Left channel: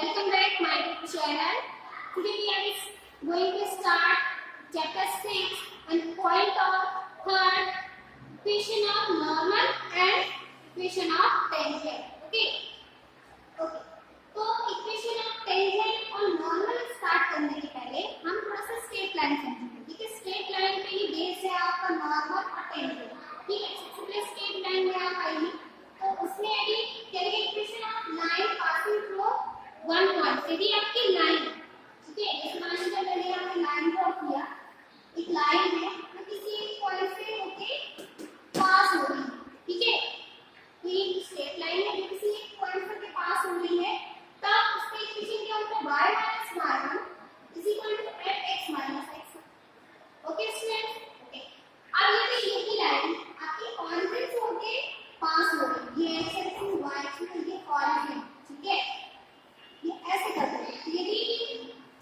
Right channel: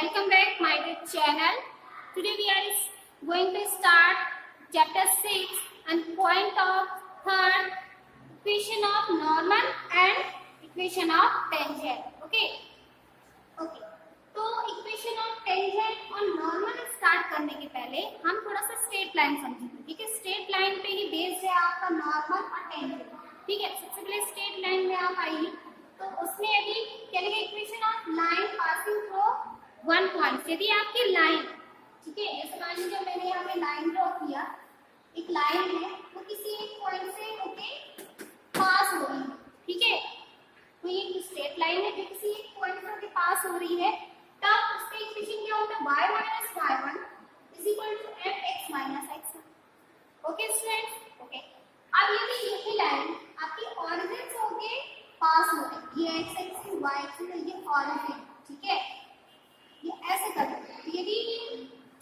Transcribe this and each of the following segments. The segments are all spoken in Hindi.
welcome back my YouTube channel. Today we are going to start chapter 6 and point of third, equation of normal and equation of tangent. Okay. तो इक्वेशन ऑफ टेंजेंट और नॉर्मल स्टार्ट करने के पहले हम थोड़ा सा स्ट्रेट लाइन समझेंगे. ठीक है, स्ट्रेट लाइन पे ही बेस्ड है आपका नॉर्मल और टेंजेंट. ठीक है, सबसे पहले स्ट्रेट लाइन में आप आइए तो उसमें यदि चलिए equation of line passing through one point. यदि आपकी लाइन, ठीक है, जैसे मान लीजिए मैंने यहाँ पे लाइन ड्रॉ किया, एक लाइन है तो किसी एक पॉइंट से होके पास हो रही है. ठीक है, तो ये स्ट्रेट लाइन है जो किसी एक पॉइंट से पास हो रही है, तब उसका इक्वेशन क्या होता है, y minus y1 is equal to fx minus x1. Okay students. Okay, अब यदि यही लाइन आपकी ऑरिजिन से होके पास हो रही है, ये x एक्सिस y एक्सिस ये ऑरिजिन, ठीक है, ये ऐसे कर सकते हैं. यदि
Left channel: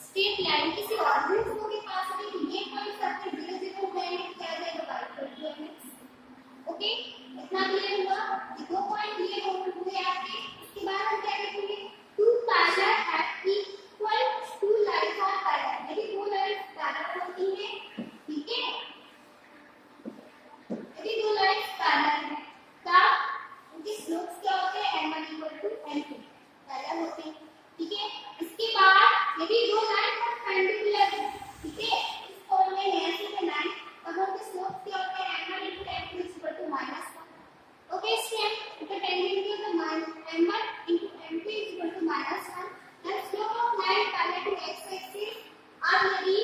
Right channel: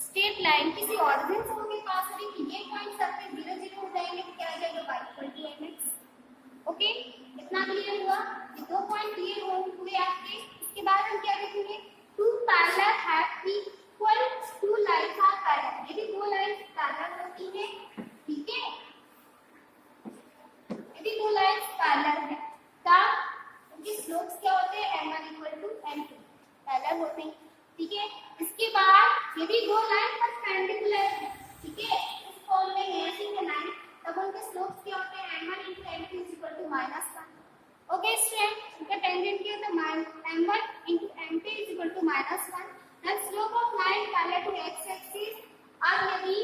स्ट्रेट लाइन किसी ऑरिजिन से होके पास हो रही है, ये पॉइंट सबके 0 0 हो जाएंगे, क्या आ जाएगा y equal to mx. Okay, इतना क्लियर हुआ. ये दो पॉइंट क्लियर हुए आपके. इसके बाद हम क्या देखेंगे, two parallel have equal to lines are parallel. यदि दो लाइन्स पैरेलल होती हैं, ठीक है, यदि दो लाइन्स पैरेलल हैं तब उनके स्लोप्स क्या होते हैं, m1 equal to m2 parallel होते हैं. ठीक है, इसके बाद यदि दो लाइन परपेंडिकुलर है, ठीक है, इस फॉर्म में है ऐसे है लाइन, तब उनके स्लोप्स क्या होते हैं, m1 into m2 is equal to -1. Okay student, इनका टेंजेंट क्या होता है, m1 into m2 is equal to -1. then slope of line parallel to x axis. अब यदि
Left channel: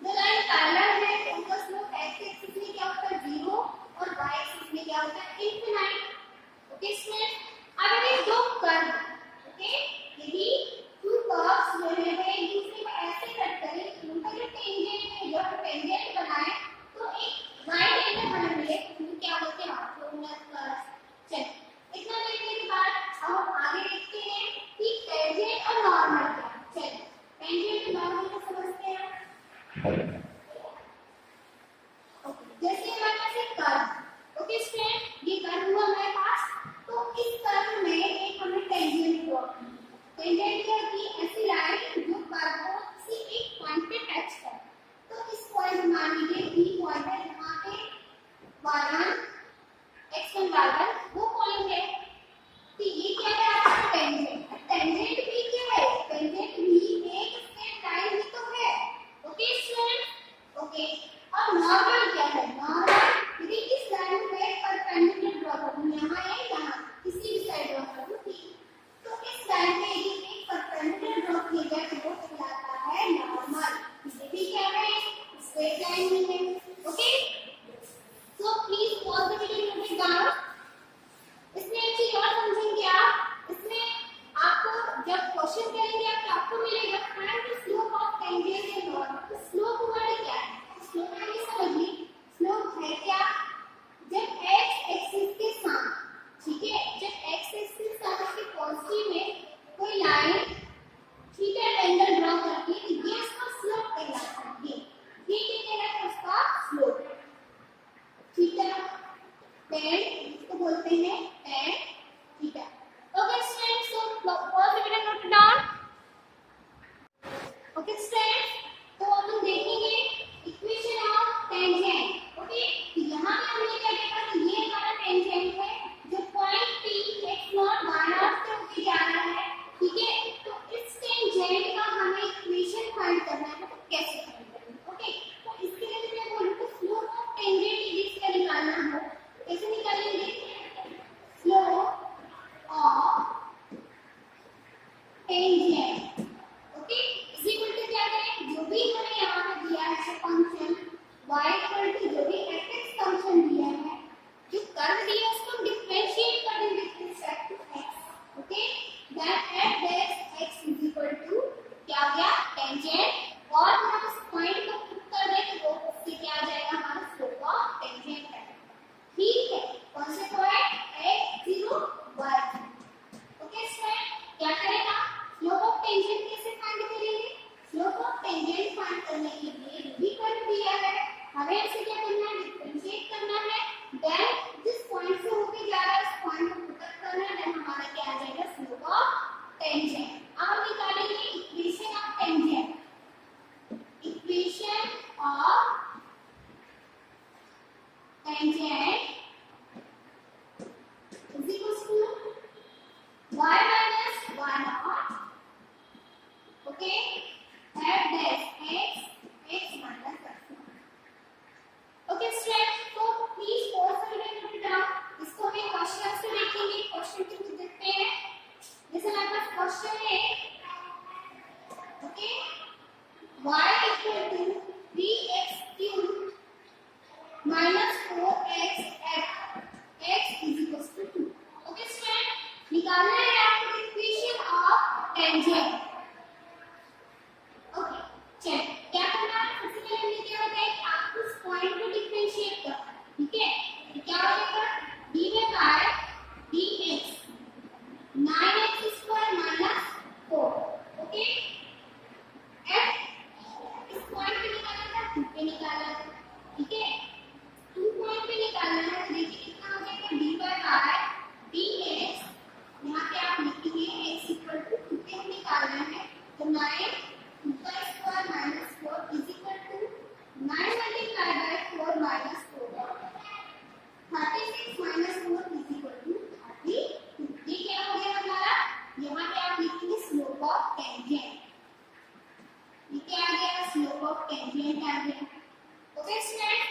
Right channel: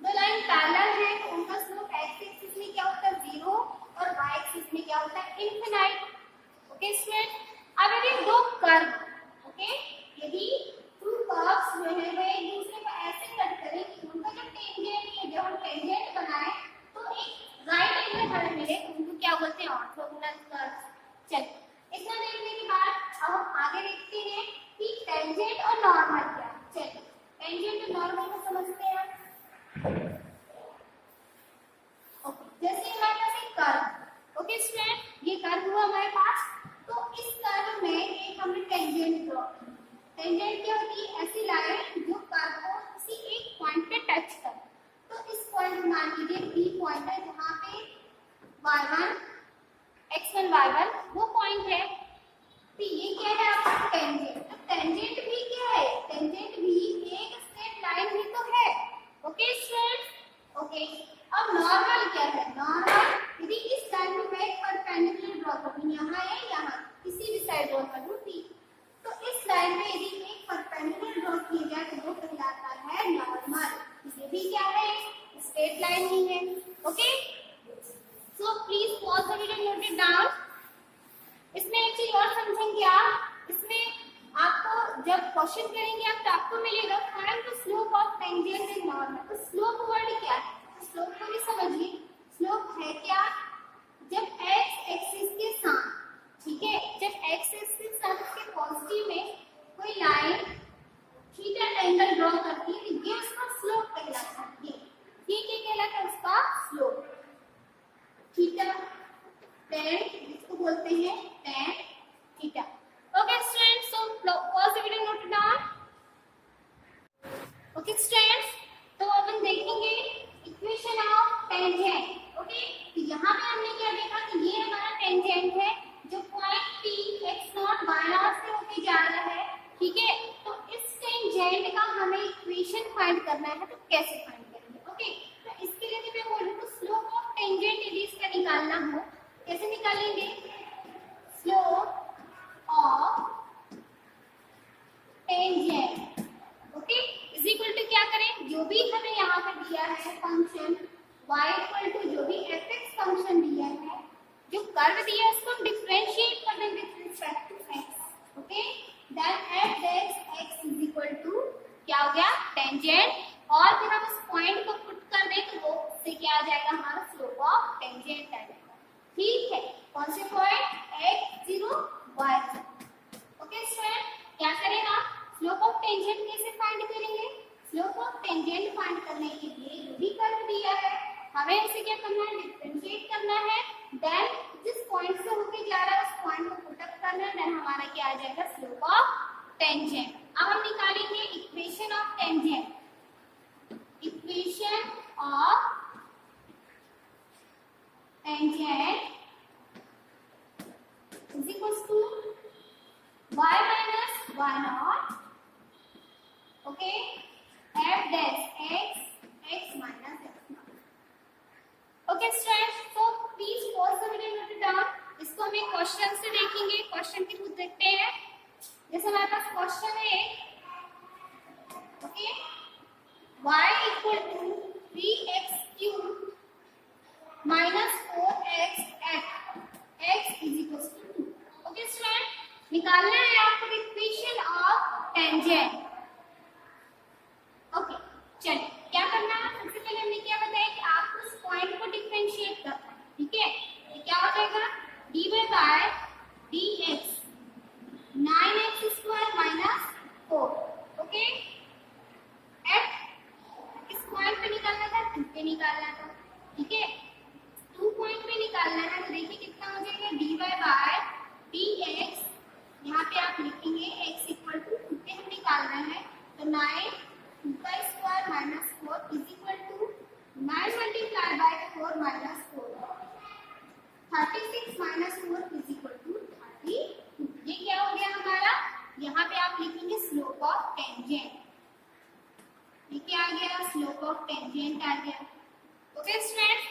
दो लाइन पैरेलल है तो उनका स्लोप x एक्सिस में क्या होता है 0 और y एक्सिस में क्या होता है इनफिनाइट. ओके स्टूडेंट, अब यदि दो कर्व, ओके, यदि टू कर्व्स जो है वो एक दूसरे को ऐसे कट करें, उनका जो टेंजेंट है, जब हम टेंजेंट बनाए तो एक राइट एंगल हमें मिले, उनको क्या बोलते हैं, ऑर्थोगोनल कर्व्स. चलिए, इतना देखने के बाद अब हम आगे देखते हैं कि टेंजेंट और नॉर्मल क्या है. चलिए, टेंजेंट और नॉर्मल को समझते हैं. ओके, जैसे हमारे पास एक कर्व, ओके स्टूडेंट, ये कर्व हुआ हमारे पास, तो इस कर्व में एक हमने टेंजेंट ड्रॉ की. टेंजेंट क्या होती है, ऐसी लाइन जो कर्व को किसी एक पॉइंट पे टच करे. तो इस पॉइंट मान लीजिए बी पॉइंट है जहाँ पे y1 x1 y1 वो पॉइंट है, तो ये क्या है आपका टेंजेंट. टेंजेंट भी क्या है, टेंजेंट भी एक स्ट्रेट लाइन ही तो है. Okay student. ओके, अब नॉर्मल क्या है, नॉर्मल यदि इस लाइन पे परपेंडिकुलर ड्रॉ करूं, यहाँ या यहाँ किसी भी साइड ड्रॉ करूं, ठीक, तो इस लाइन पे यदि एक परपेंडिकुलर ड्रॉ किया जाए तो वो कहलाता है नॉर्मल. ये भी क्या है, स्ट्रेट लाइन ही है. Okay, so please pause the video, note it down. इसमें एक चीज और समझेंगे आप, इसमें आपको जब क्वेश्चन करेंगे आप तो आपको मिलेगा find the slope of tangent in normal. तो स्लोप वर्ड क्या है, स्लोप को भी समझिए. स्लोप है क्या, जब x एक्सिस के साथ, ठीक है, जब x एक्सिस के साथ उसके पॉजिटिव में कोई लाइन थीटा एंगल ड्रॉ करती है, ये उसका स्लोप कहलाता है. ये क्या कहलाता है, उसका स्लोप. थीटा tan, इसको बोलते हैं tan theta. Okay students, so first video note down. Okay students, तो अपन देखेंगे इक्वेशन ऑफ टेंजेंट. ओके, तो यहाँ पे हमने क्या देखा कि ये हमारा टेंजेंट है जो पॉइंट P x0 y0 से होके जा रहा है. ठीक है, तो इस टेंजेंट का हमें इक्वेशन फाइंड करना है, तो कैसे फाइंड करेंगे. ओके, तो इसके लिए मैं बोलूँ तो स्लोप ऑफ टेंजेंट यदि इसका निकालना हो, कैसे निकालेंगे, slope of tangent, okay, is equal to क्या करें, जो भी हमें यहाँ पे दिया है फंक्शन y इक्वल टू जो भी fx फंक्शन दिया है, जो कर्व दिया है उसको हम डिफरेंशिएट कर देंगे with respect to x. Okay, then f x is equal to क्या हो गया, टेंजेंट, और फिर हम उस पॉइंट को पुट कर दें तो वो उससे क्या आ जाएगा, हमारा स्लोप ऑफ टेंजेंट है. ठीक है, कौन से point x0 y0. Okay student, क्या करेगा, स्लोप ऑफ टेंजेंट कैसे फाइंड करेंगे, स्लोप ऑफ टेंजेंट फाइंड करने के लिए जो भी कर्व दिया है हमें इसे क्या करना है, डिफरेंशिएट करना है. देन जिस पॉइंट से होके जा रहा है उस पॉइंट को पुट अप करना है, देन हमारा क्या आ जाएगा, स्लोप ऑफ टेंजेंट। अब हम निकालेंगे equation of tangent. Equation of tangent is equals to y minus y naught, okay, f dash x minus x naught. Okay students, so please pause the video and note it down. इसको हम एक क्वेश्चन से देखेंगे, क्वेश्चन के खुद देखते हैं। जैसे हमारे पास क्वेश्चन है, okay, y equal to 3x cube minus 4x at x is equals to 2. Okay student, निकालना है आपको इक्वेशन ऑफ टेंजेंट। ओके चलिए, क्या करना है, सबसे पहले हमने क्या बताया कि आपको उस पॉइंट को डिफरेंशिएट करना है, ठीक है। तो क्या हो जाएगा, dy by dx 9x² minus 4, okay. f इस पॉइंट पे निकालना था, 2 पे निकालना था, ठीक है। 2 पॉइंट पे निकालना है, तो देखिए कितना हो जाएगा, dy बाय dx, यहाँ पे आप लिखेंगे x इक्वल टू 2 पे हम निकालना है, तो 9 2² minus 4 is equal to 9 multiplied by 4 minus 4, 36 minus 4 is equal to 32। ये क्या हो गया हमारा, यहाँ पे आप लिखेंगे स्लोप ऑफ टेंजेंट। ये क्या आ गया, स्लोप ऑफ टेंजेंट आ गया। ओके स्टूडेंट,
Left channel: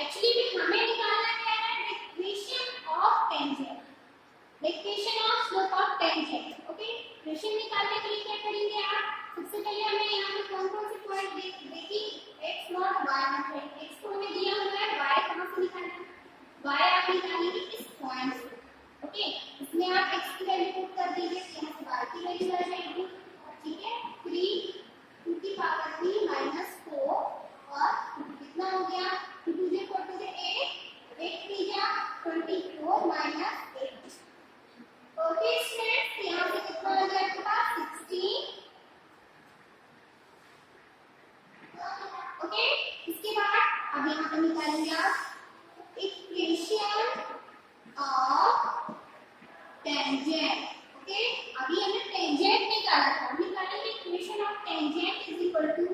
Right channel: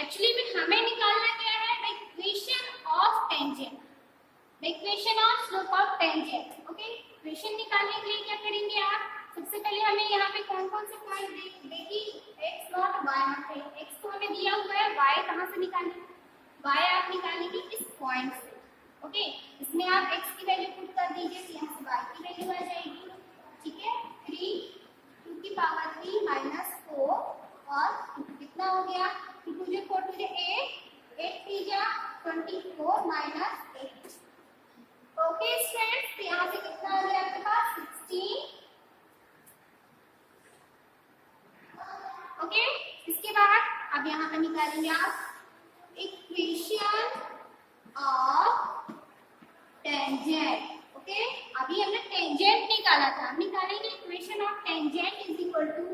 एक्चुअली में हमें निकालना क्या है, the equation of tangent, the equation of slope of tangent. Okay, equation निकालने के लिए क्या करेंगे आप, सबसे पहले हमें यहाँ पे कौन कौन से पॉइंट देखिए, x नॉट y नॉट है, x को हमें दिया हुआ है, y कहाँ से निकालेंगे, y आप निकालेंगे इस पॉइंट से, ओके। इसमें आप x की वैल्यू पुट कर दीजिए, तो यहाँ से y की वैल्यू आ जाएगी, ठीक है। 3 2 की पावर 3 माइनस 4 और कितना हो गया, 2 2 जो 4 2 8 8 3 जा 24 माइनस 8। ओके स्टूडेंट्स, यहाँ से कितना हो गया आपके पास 16। ओके, इसके बाद अब यहाँ पर निकालेंगे आप इक्वेशन ऑफ टेंजेंट। ओके, अभी हमने टेंजेंट निकाला था, निकालेंगे equation of tangent is equal to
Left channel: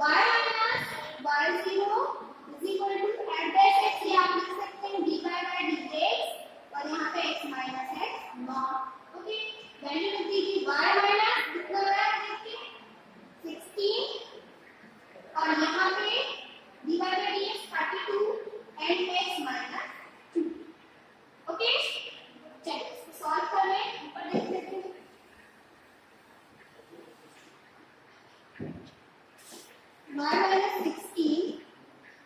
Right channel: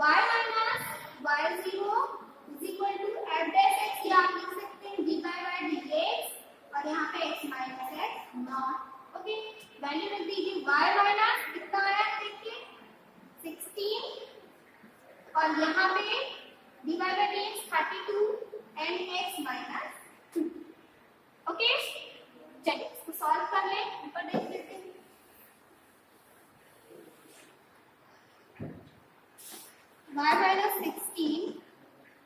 y minus y0 is equal to f dash x, या आप लिख सकते हैं dy by dx और यहाँ पे x minus x not. Okay, value लिख दीजिए, y माइनस कितना आया देखिए 16 और यहाँ पे dy by dx 32 and x minus 2। Okay, चलिए इसको सॉल्व कर लें, ऊपर देख लेते हैं। y minus 16,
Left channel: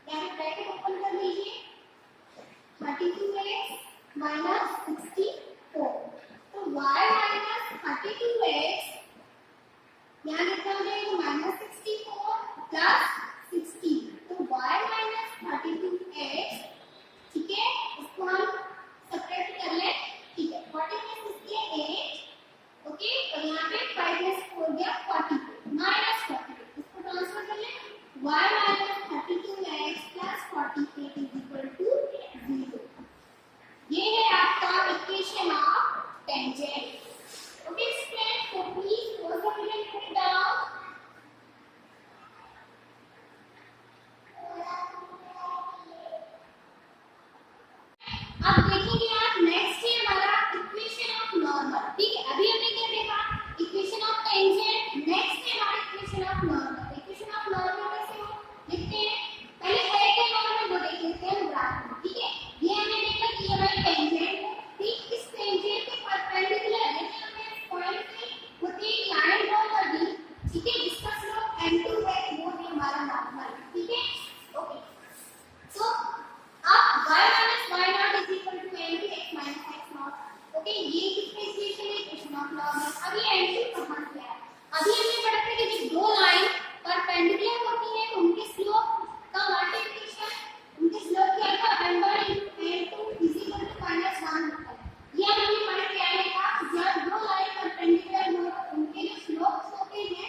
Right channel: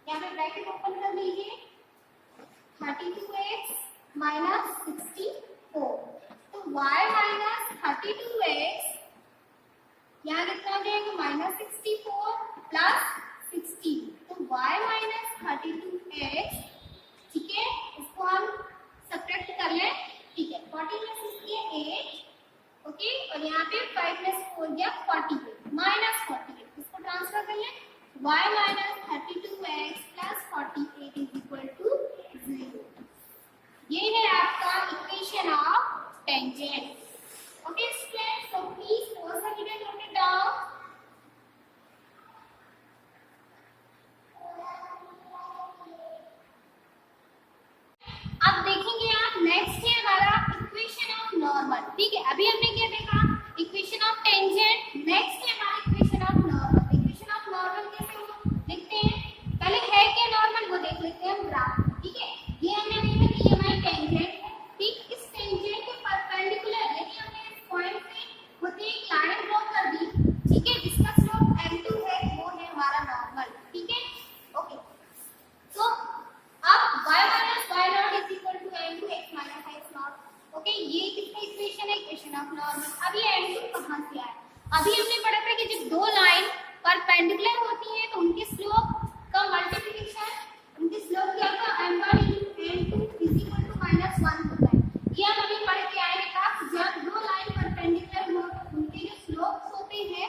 यहाँ पे ब्रैकेट ओपन कर लीजिए, 32x minus 64, तो y minus 32x यहाँ कितना हो जाएगा, माइनस 64 प्लस 16, तो y minus 32x, ठीक है, इसको हम सब्ट्रैक्ट कर लें, ठीक है। 40 में से 8, ओके, और यहाँ पे 5 में से 4 गया 42 माइनस 48, इसको ट्रांसफर कर लें, y minus 32x plus 48 is equal to 0। ये है आपका equation of tangent. Okay students, so please pause the video and note it down। अब देखेंगे आप, नेक्स्ट है हमारा इक्वेशन ऑफ नॉर्मल, ठीक है। अभी हमने क्या देखा, इक्वेशन ऑफ टेंजेंट, नेक्स्ट है हमारा equation of normal. Equation of normal कैसे हो लिखते हैं, पहले है क्या नॉर्मल वो देख लेते हैं हम ग्राफ, ठीक है। ये हमने देखा कि ये हमारी टेंजेंट है, ठीक, इस टेंजेंट के परपेंडिकुलर यानी हमने इस पॉइंट पे होती एक लाइन ड्रॉ कर दी, ठीक है, जिसका स्लोप n2 है, वो है हमारा नॉर्मल, ठीक है। ओके, सो अब y minus y naught is equal to n2 x minus x naught, okay, ये किसका इक्वेशन है, इक्वेशन ऑफ नॉर्मल। अब ये n2 कहाँ से आया, अभी हमने पढ़ा था कि जब दो लाइन परपेंडिकुलर होती है तो उनके स्लोप का मल्टीप्लिकेशन, उनके स्लोप क्या था, n1 into n2 is equal to -1 होता है। ये हमने पढ़ के आए था, जब दो लाइन परपेंडिकुलर हो तो उनके जो स्लोप्स होते हैं,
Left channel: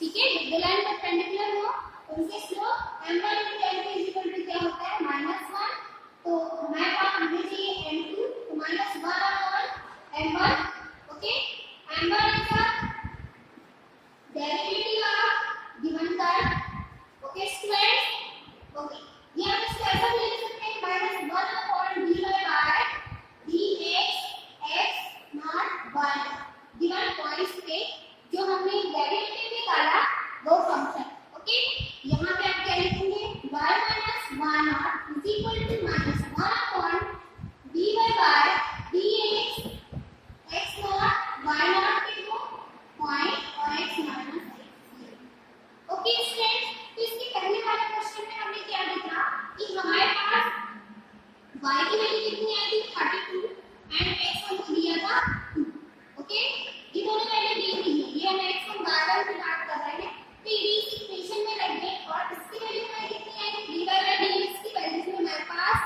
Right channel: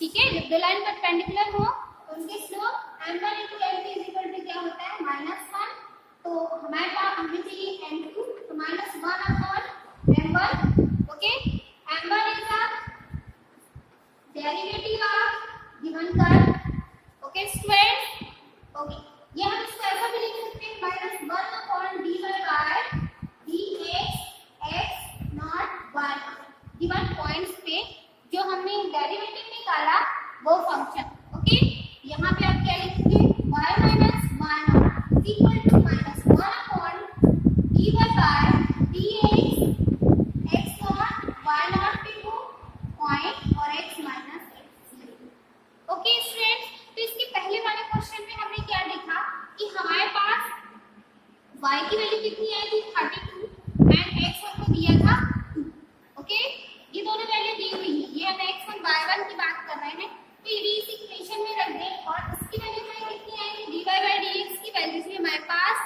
ठीक है, जब दो लाइन परपेंडिकुलर हो उनके slope m1 into n2 is equal to क्या होता है, -1। तो हमारे पास हमें चाहिए n2, तो -1 upon m1, okay, m1 is a derivative of given curve. Okay student, okay ये हम इसको ऐसा भी लिख सकते हैं -1/dy by dx x not 1 given points पे जो हमने डेरिवेटिव निकाला वो फंक्शन। ओके यहाँ पे आप क्या लिखेंगे y - 1 is equal to -1/dy by dx x naught y naught into point और x minus x। Okay students, तो इसके पहले वाले क्वेश्चन में हमने क्या लिखा कि हमारे पास y की वैल्यू कितनी आई थी 32 एंड x हमको दिया था 2। ओके ये दोनों वैल्यू दी हुई है, ये हम x1 y1 की बात कर रहे हैं, तो ये इस इक्वेशन में रख दें और इसकी वैल्यू हमें कितनी आई dy by dx की वैल्यू थी हमारे पास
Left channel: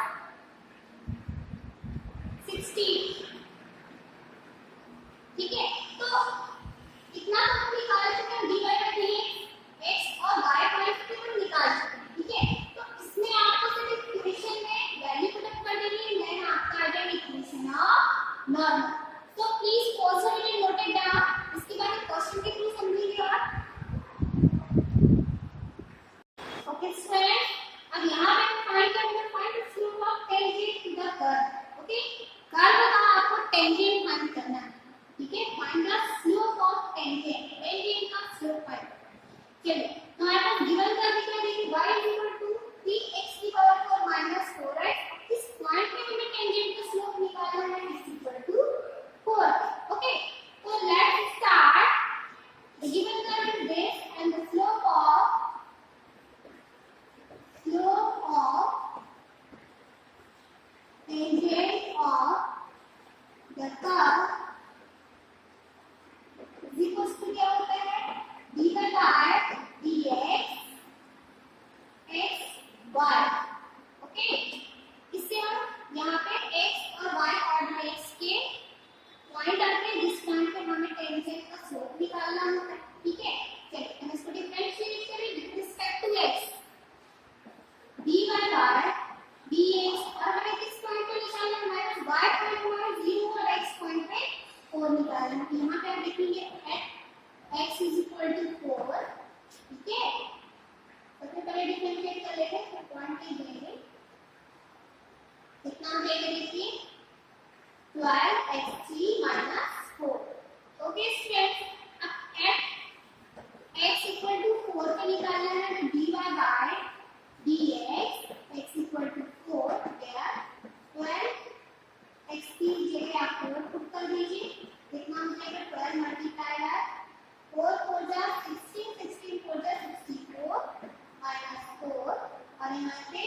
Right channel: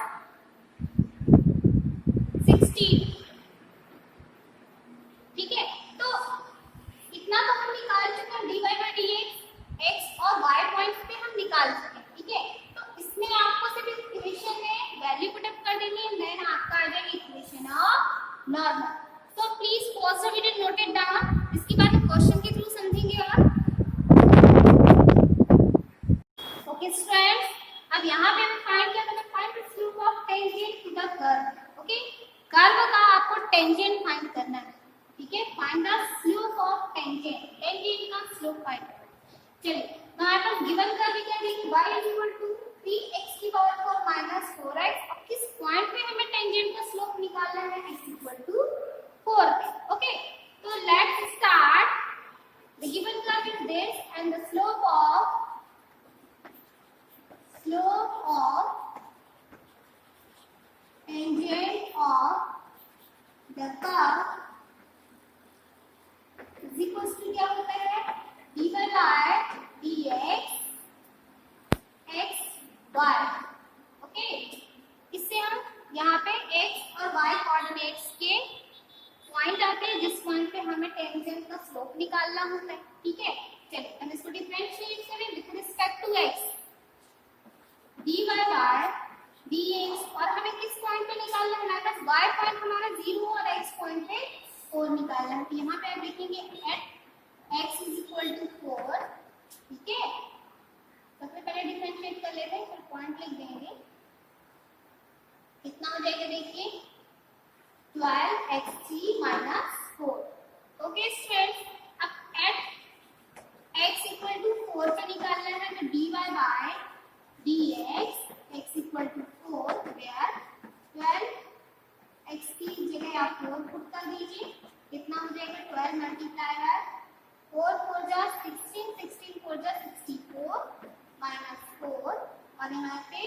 16। ठीक है, तो इतना तो हम निकाल चुके हैं dy by dx x और y पॉइंट्स पे हम निकाल चुके हैं। ठीक है, तो इसमें आपको सिर्फ इक्वेशन में वैल्यू पुट अप कर देनी है, देन आपका आ जाएगा इक्वेशन ऑफ नॉर्मल। तो please pause the video, note it down, इसके बाद क्वेश्चन के थ्रू समझेंगे। और ओके स्टूडेंट्स, अब यहाँ पे हम फाइंड करेंगे find the slope of tangent to the curve. Okay curve का आपको टेंजेंट फाइंड करना है। ठीक है, find the slope of tangent, tangent का स्लोप फाइंड। चलिए तो हमारे पास गिवन कर्व क्या देखिए y = 3x की पावर 4 - 4x। अब किस पॉइंट पे हमें टेंजेंट का स्लोप निकालना है x = 4 पे। ओके तो let's start. The given curve is this and the slope of tangent of the curve is equals to क्या होता है dy by dx x y। Okay इससे हम यहाँ पे x और y कोऑर्डिनेट्स के पॉइंट आते हैं जिस पॉइंट पे हमें टेंजेंट का स्लोप निकालना होता है। ठीक है, चलिए हम इसको डिफरेंशिएट करें with respect to x dy by dx और हमें किस पॉइंट पे निकालना है y पॉइंट हमारा 0 और x पॉइंट पे 4 निकालना है। यहाँ पे आप देखेंगे एट x = 4। ठीक है, सबसे पहले डिफरेंशिएट कर लेते हैं, फिर पॉइंट लिख देंगे। कितना हो जाएगा देखिए 12x3 - 4। ओके स्टूडेंट्स, अब एट x = 4 पे निकालना है तो dy by dx x = 4 where 12x की जगह आप 4 पुट कर दीजिए। कितना हो जाएगा 12 मल्टीप्लाई बाय 4 4 जा 16 16 4 जा 64 -4 और यहाँ पे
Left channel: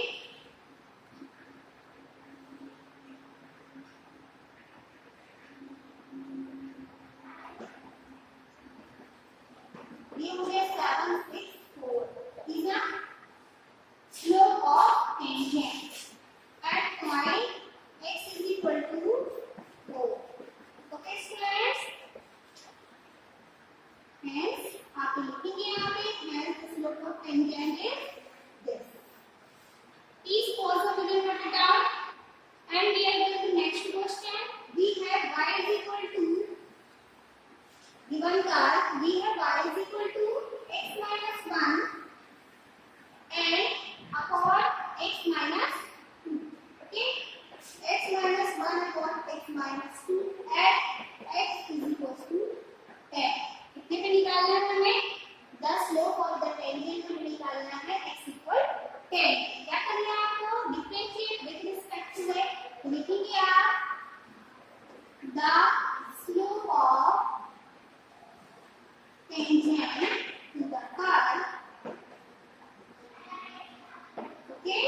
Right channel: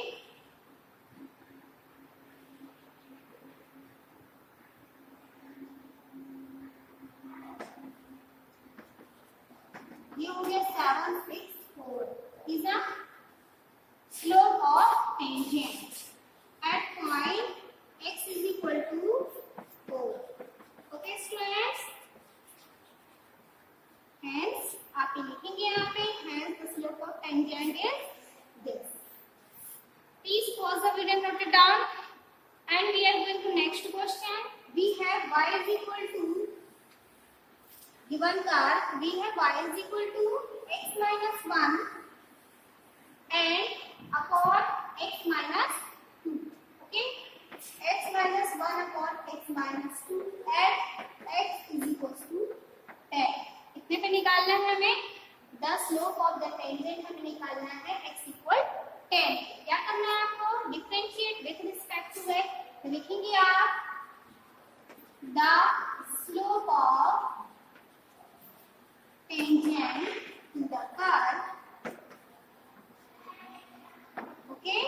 ये हो गया 7 6 4 is the slope of tangent at point x = 4। okay students, hence आप लिखेंगे यहाँ पे hence the slope of tangent is this। please pause the video and note it down and we are going to next question। we have y = given curve, we have y = x - 1 and upon x - 2। okay x - 1 upon x - 2 at x = 10। कितने पे निकालना है हमें the slope of the tangent हमें निकालना है x = 10। क्या करना है आपको differentiate with respect to x। तो लिखेंगे आप the slope of tangent to the curve। okay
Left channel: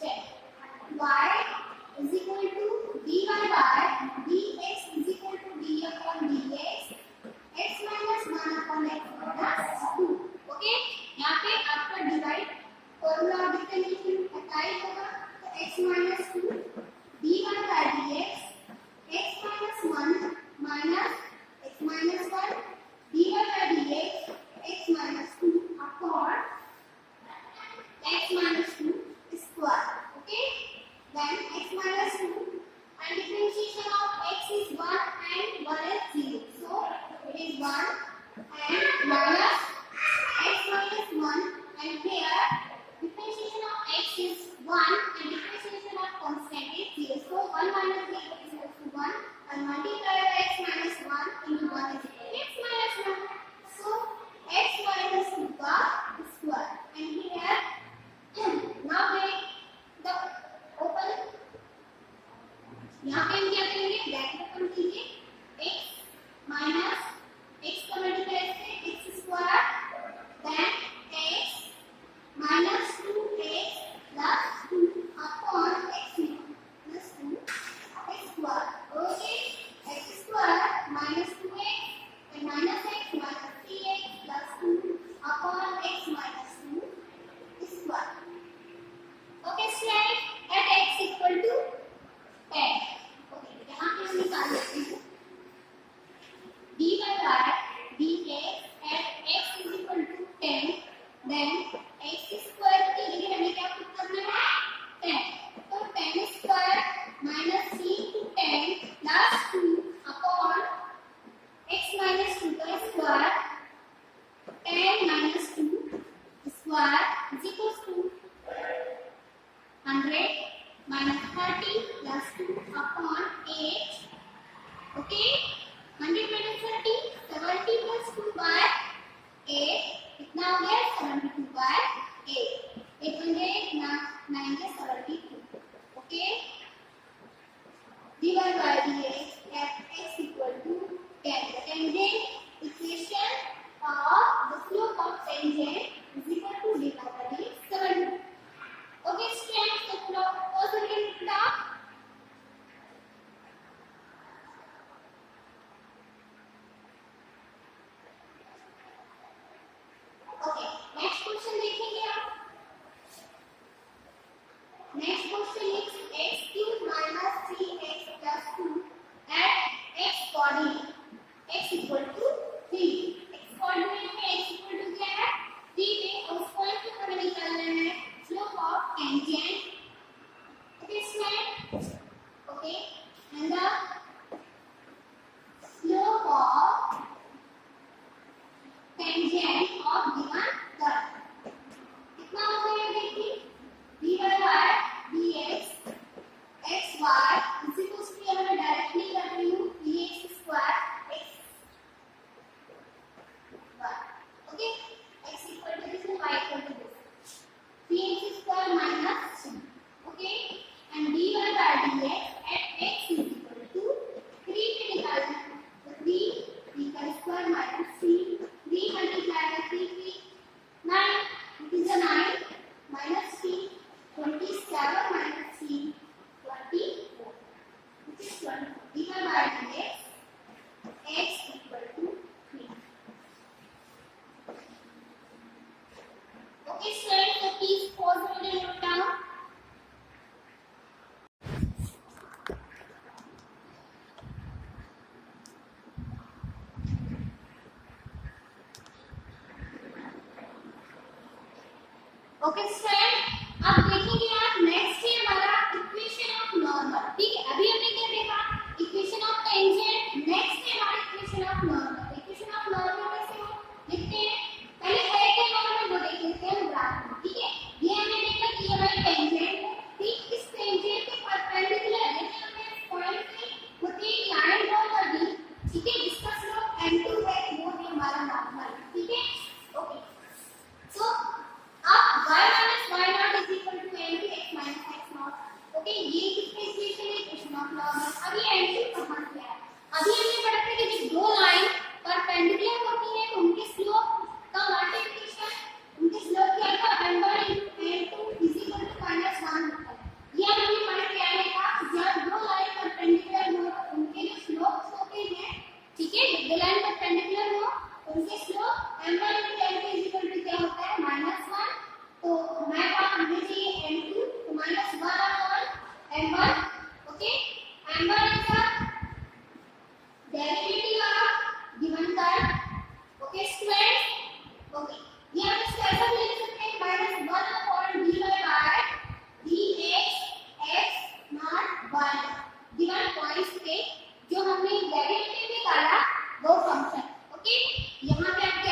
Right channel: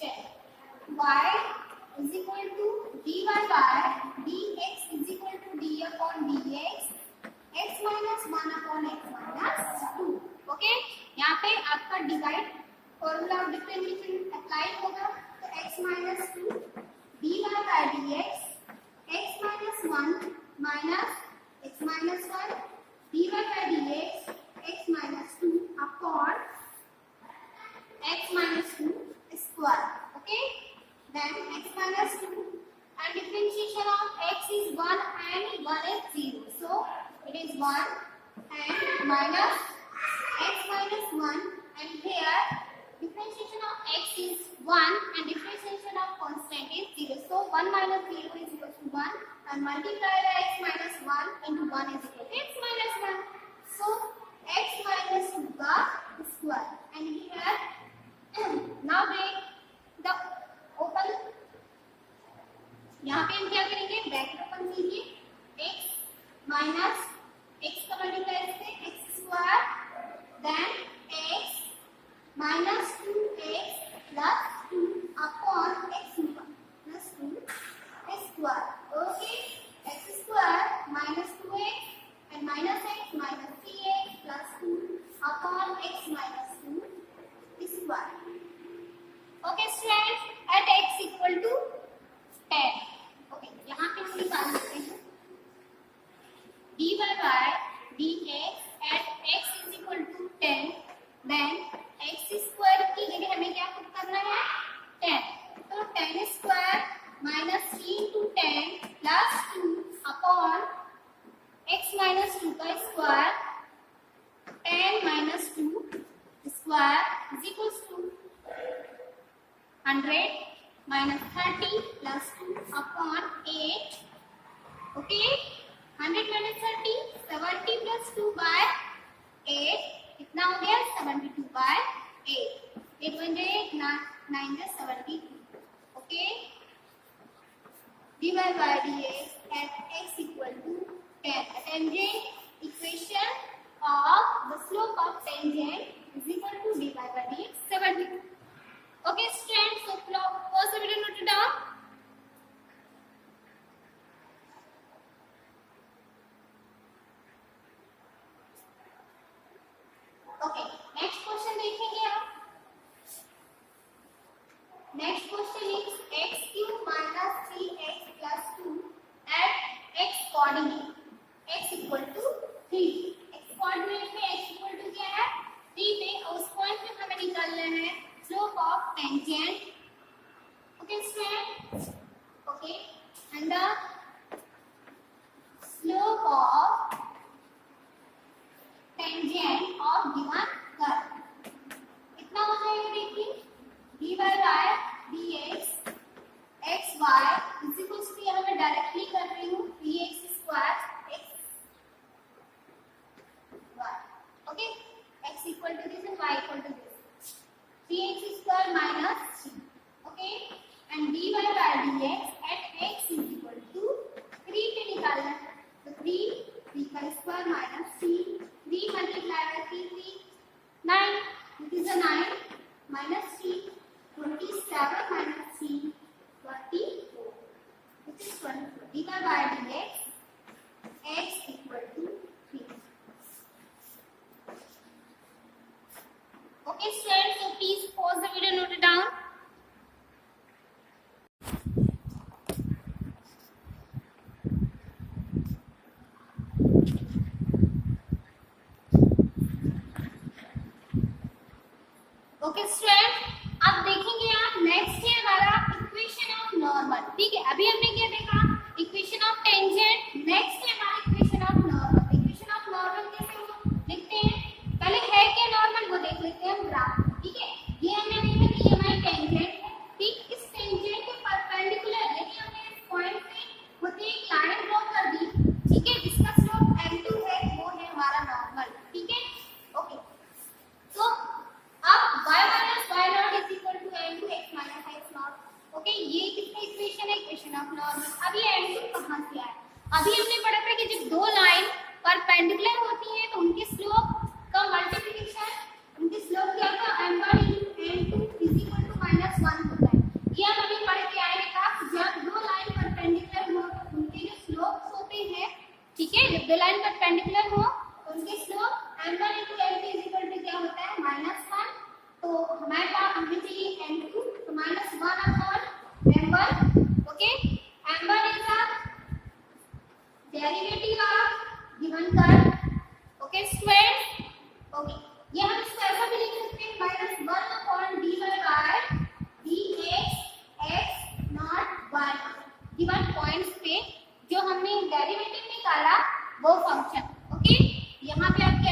check y = dy by dx = d upon dx x - 1 upon x - 2। Okay यहाँ पे आपका divide formula of differentiation apply होगा तो x - 2 dy by dx x - 1 minus x - 1 dy by dx x - 2 upon x - 2 square। okay then x - 2 and differentiation of x is 1 and 1 is 0, so it is 1 and minus x minus 1, and here differentiation of x is 1 and differentiation of constant is 0. So 1 minus 0 is equal to 1 and multiply by x minus 1 into 1 is equal to x minus 1. So x minus 2 का square and here now we the open, यहाँ पे हम क्या करेंगे, ब्रैकेट ओपन कीजिए, x माइनस x का मल्टीप्लाई से x square then x minus 2x plus 2 upon x plus 2 square. Okay, x square minus 2x and minus x minus 3x plus 2 upon x minus 2 square. Okay students, at x equal to 10. Okay, यहाँ पे हम निकाल लेते हैं dy by dx at x is equal to 10. Then x square की जगह हमें क्या पुट करना है, 10. तो 10 square minus c into 10 plus 2 upon x minus 2 का square 10 minus 2 square is equal to 100 minus 30 plus 2 upon 8. Okay, 100 minus 30, 70 plus 2 by 8. कितना हो गया, 72 by 8. 8 बन गए 9 से 72. Okay, dy by dx at x equal to 10. The tangent equation of the slope of tangent is equal to dy by dx 72. Okay students, so pause the video, note it down. Okay, next question देखेंगे आप. Next question is x cube minus 3x plus 2 at x coordinate. X equal to 3. X coordinate में x equal to क्या है, 3 पे, और उस पॉइंट पे हमें निकालना है slope of tangent. Okay students, okay, and the slope of tangent of given curve कितना होता है देखिए, dy by dx x y is equal to, यहाँ मैं डायरेक्टली कर रही हूँ, dx square x y. Okay, x equal to this and y equal to this, 3x square minus 2. Okay, and dy by dx at x is equal to 3 पे निकालना है, तो 3 का square minus 3, 3 multiply by 3, 9, which is a 9 minus 3, 27 minus 3, 24, which is 24. dy by dx x equal to 3. Okay students, so please pause the video, note it down. Okay students, अब देखेंगे आप नेक्स्ट है हमारा इक्वेशन ऑफ नॉर्मल. ठीक है, अभी हमने क्या देखा, इक्वेशन ऑफ टेंजेंट. नेक्स्ट है हमारा equation of normal. Equation of normal कैसे हो लिखते हैं, पहले है क्या नॉर्मल वो देख लेते हैं हम ग्राफ. ठीक है, ये हमने देखा कि ये हमारी टेंजेंट है. ठीक, इस टेंजेंट के परपेंडिकुलर यानी हमने इस पॉइंट से होती एक लाइन ड्रॉ कर दी. ठीक है, जिसका स्लोप n2 है, वो है हमारा नॉर्मल. ठीक है, ओके. सो अब y minus y naught is equal to n to x minus x naught. Okay, ये किसकी इक्वेशन है, इक्वेशन ऑफ नॉर्मल. अब ये n2 कहां से आया, अभी हमने पढ़ा था कि जब दो लाइन परपेंडिकुलर होती हैं तो उनके स्लोप का मल्टीप्लिकेशन, उनके स्लोप क्या था, n1 into n2 is equal to -1 होता है. ये हम अभी पढ़ के आए था, जब दो लाइन परपेंडिकुलर हो तो उनके जो स्लोप्स होते हैं, ठीक है, जब दो लाइन परपेंडिकुलर हो उनके slope n1 into n2 is equal to क्या होता है, -1. तो हमारे पास आने चाहिए n2, तो -1 upon m1. Okay, m1 is a derivative of given curve. Okay students, okay, ये हम इसको ऐसा भी लिख सकते हैं -1 upon dy by dx x not y. Given points पे जो हमने डेरिवेटिव निकाला वो फंक्शन. ओके, यहाँ पे आप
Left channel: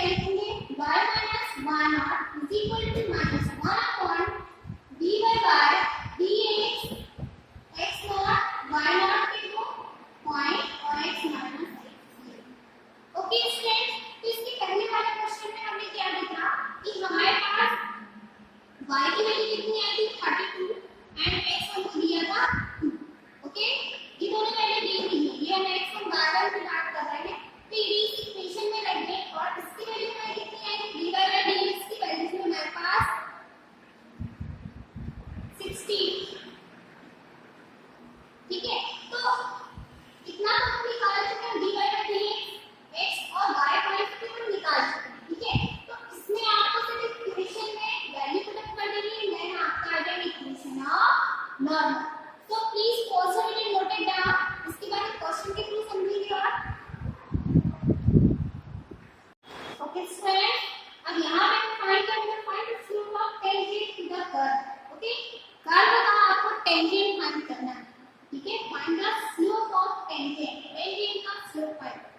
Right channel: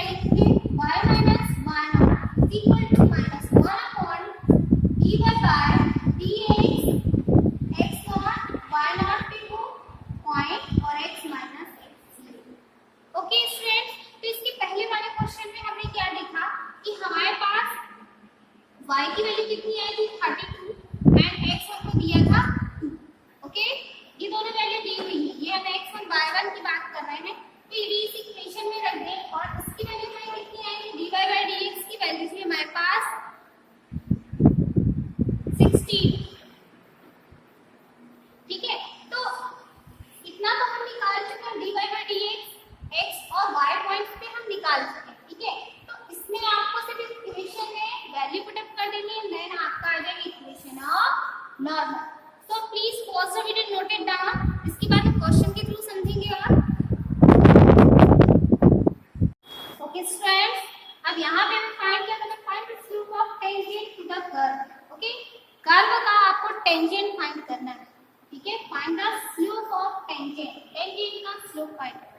स्लोप फाइंड करना।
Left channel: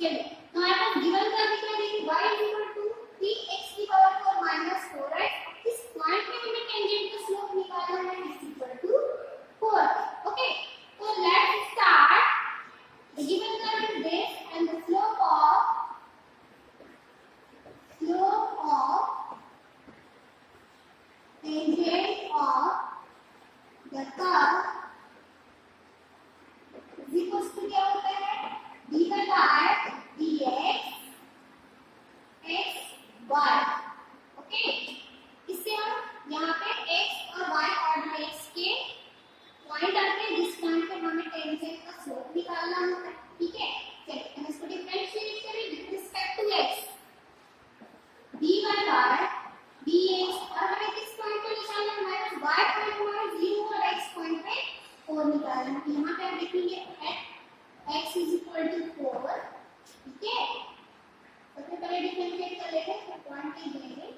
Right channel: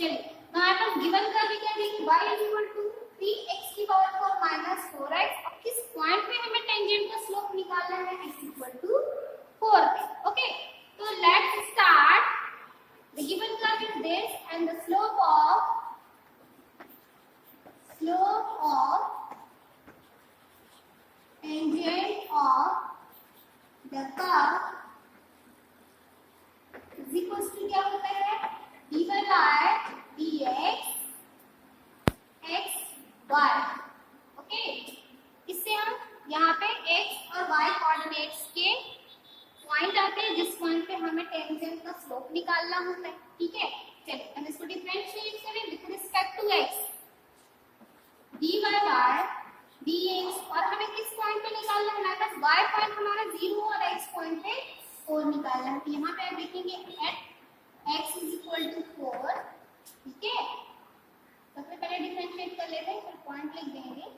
चलिए now हमारे पास गिवन का भी क्या देंगे y is equal to 3x की पावर 4 minus 4x। अब किस पॉइंट पे हमें टेंजेंट का स्लोप निकालना है x equal to 4 पे। ओके तो let's start the given curve is this and the slope of tangent of the curve is equals to क्या होता है dy by dx x y। Okay इससे हम यहाँ पे x और y कोऑर्डिनेट्स के पॉइंट आते हैं जिस पॉइंट पे हमें टेंजेंट का स्लोप निकालना होता है। ठीक है चलिए हम इसको डिफरेंशिएट करें with respect to x dy by dx और हमें किस पॉइंट पे निकालना है हमारे पास y पॉइंट हमारा 0 और x पॉइंट पे 4 निकालना है। यहाँ पे आप देखेंगे x is equal to 4। ठीक है सबसे पहले डिफरेंशिएट कर लेते हैं फिर पॉइंट लिख देंगे।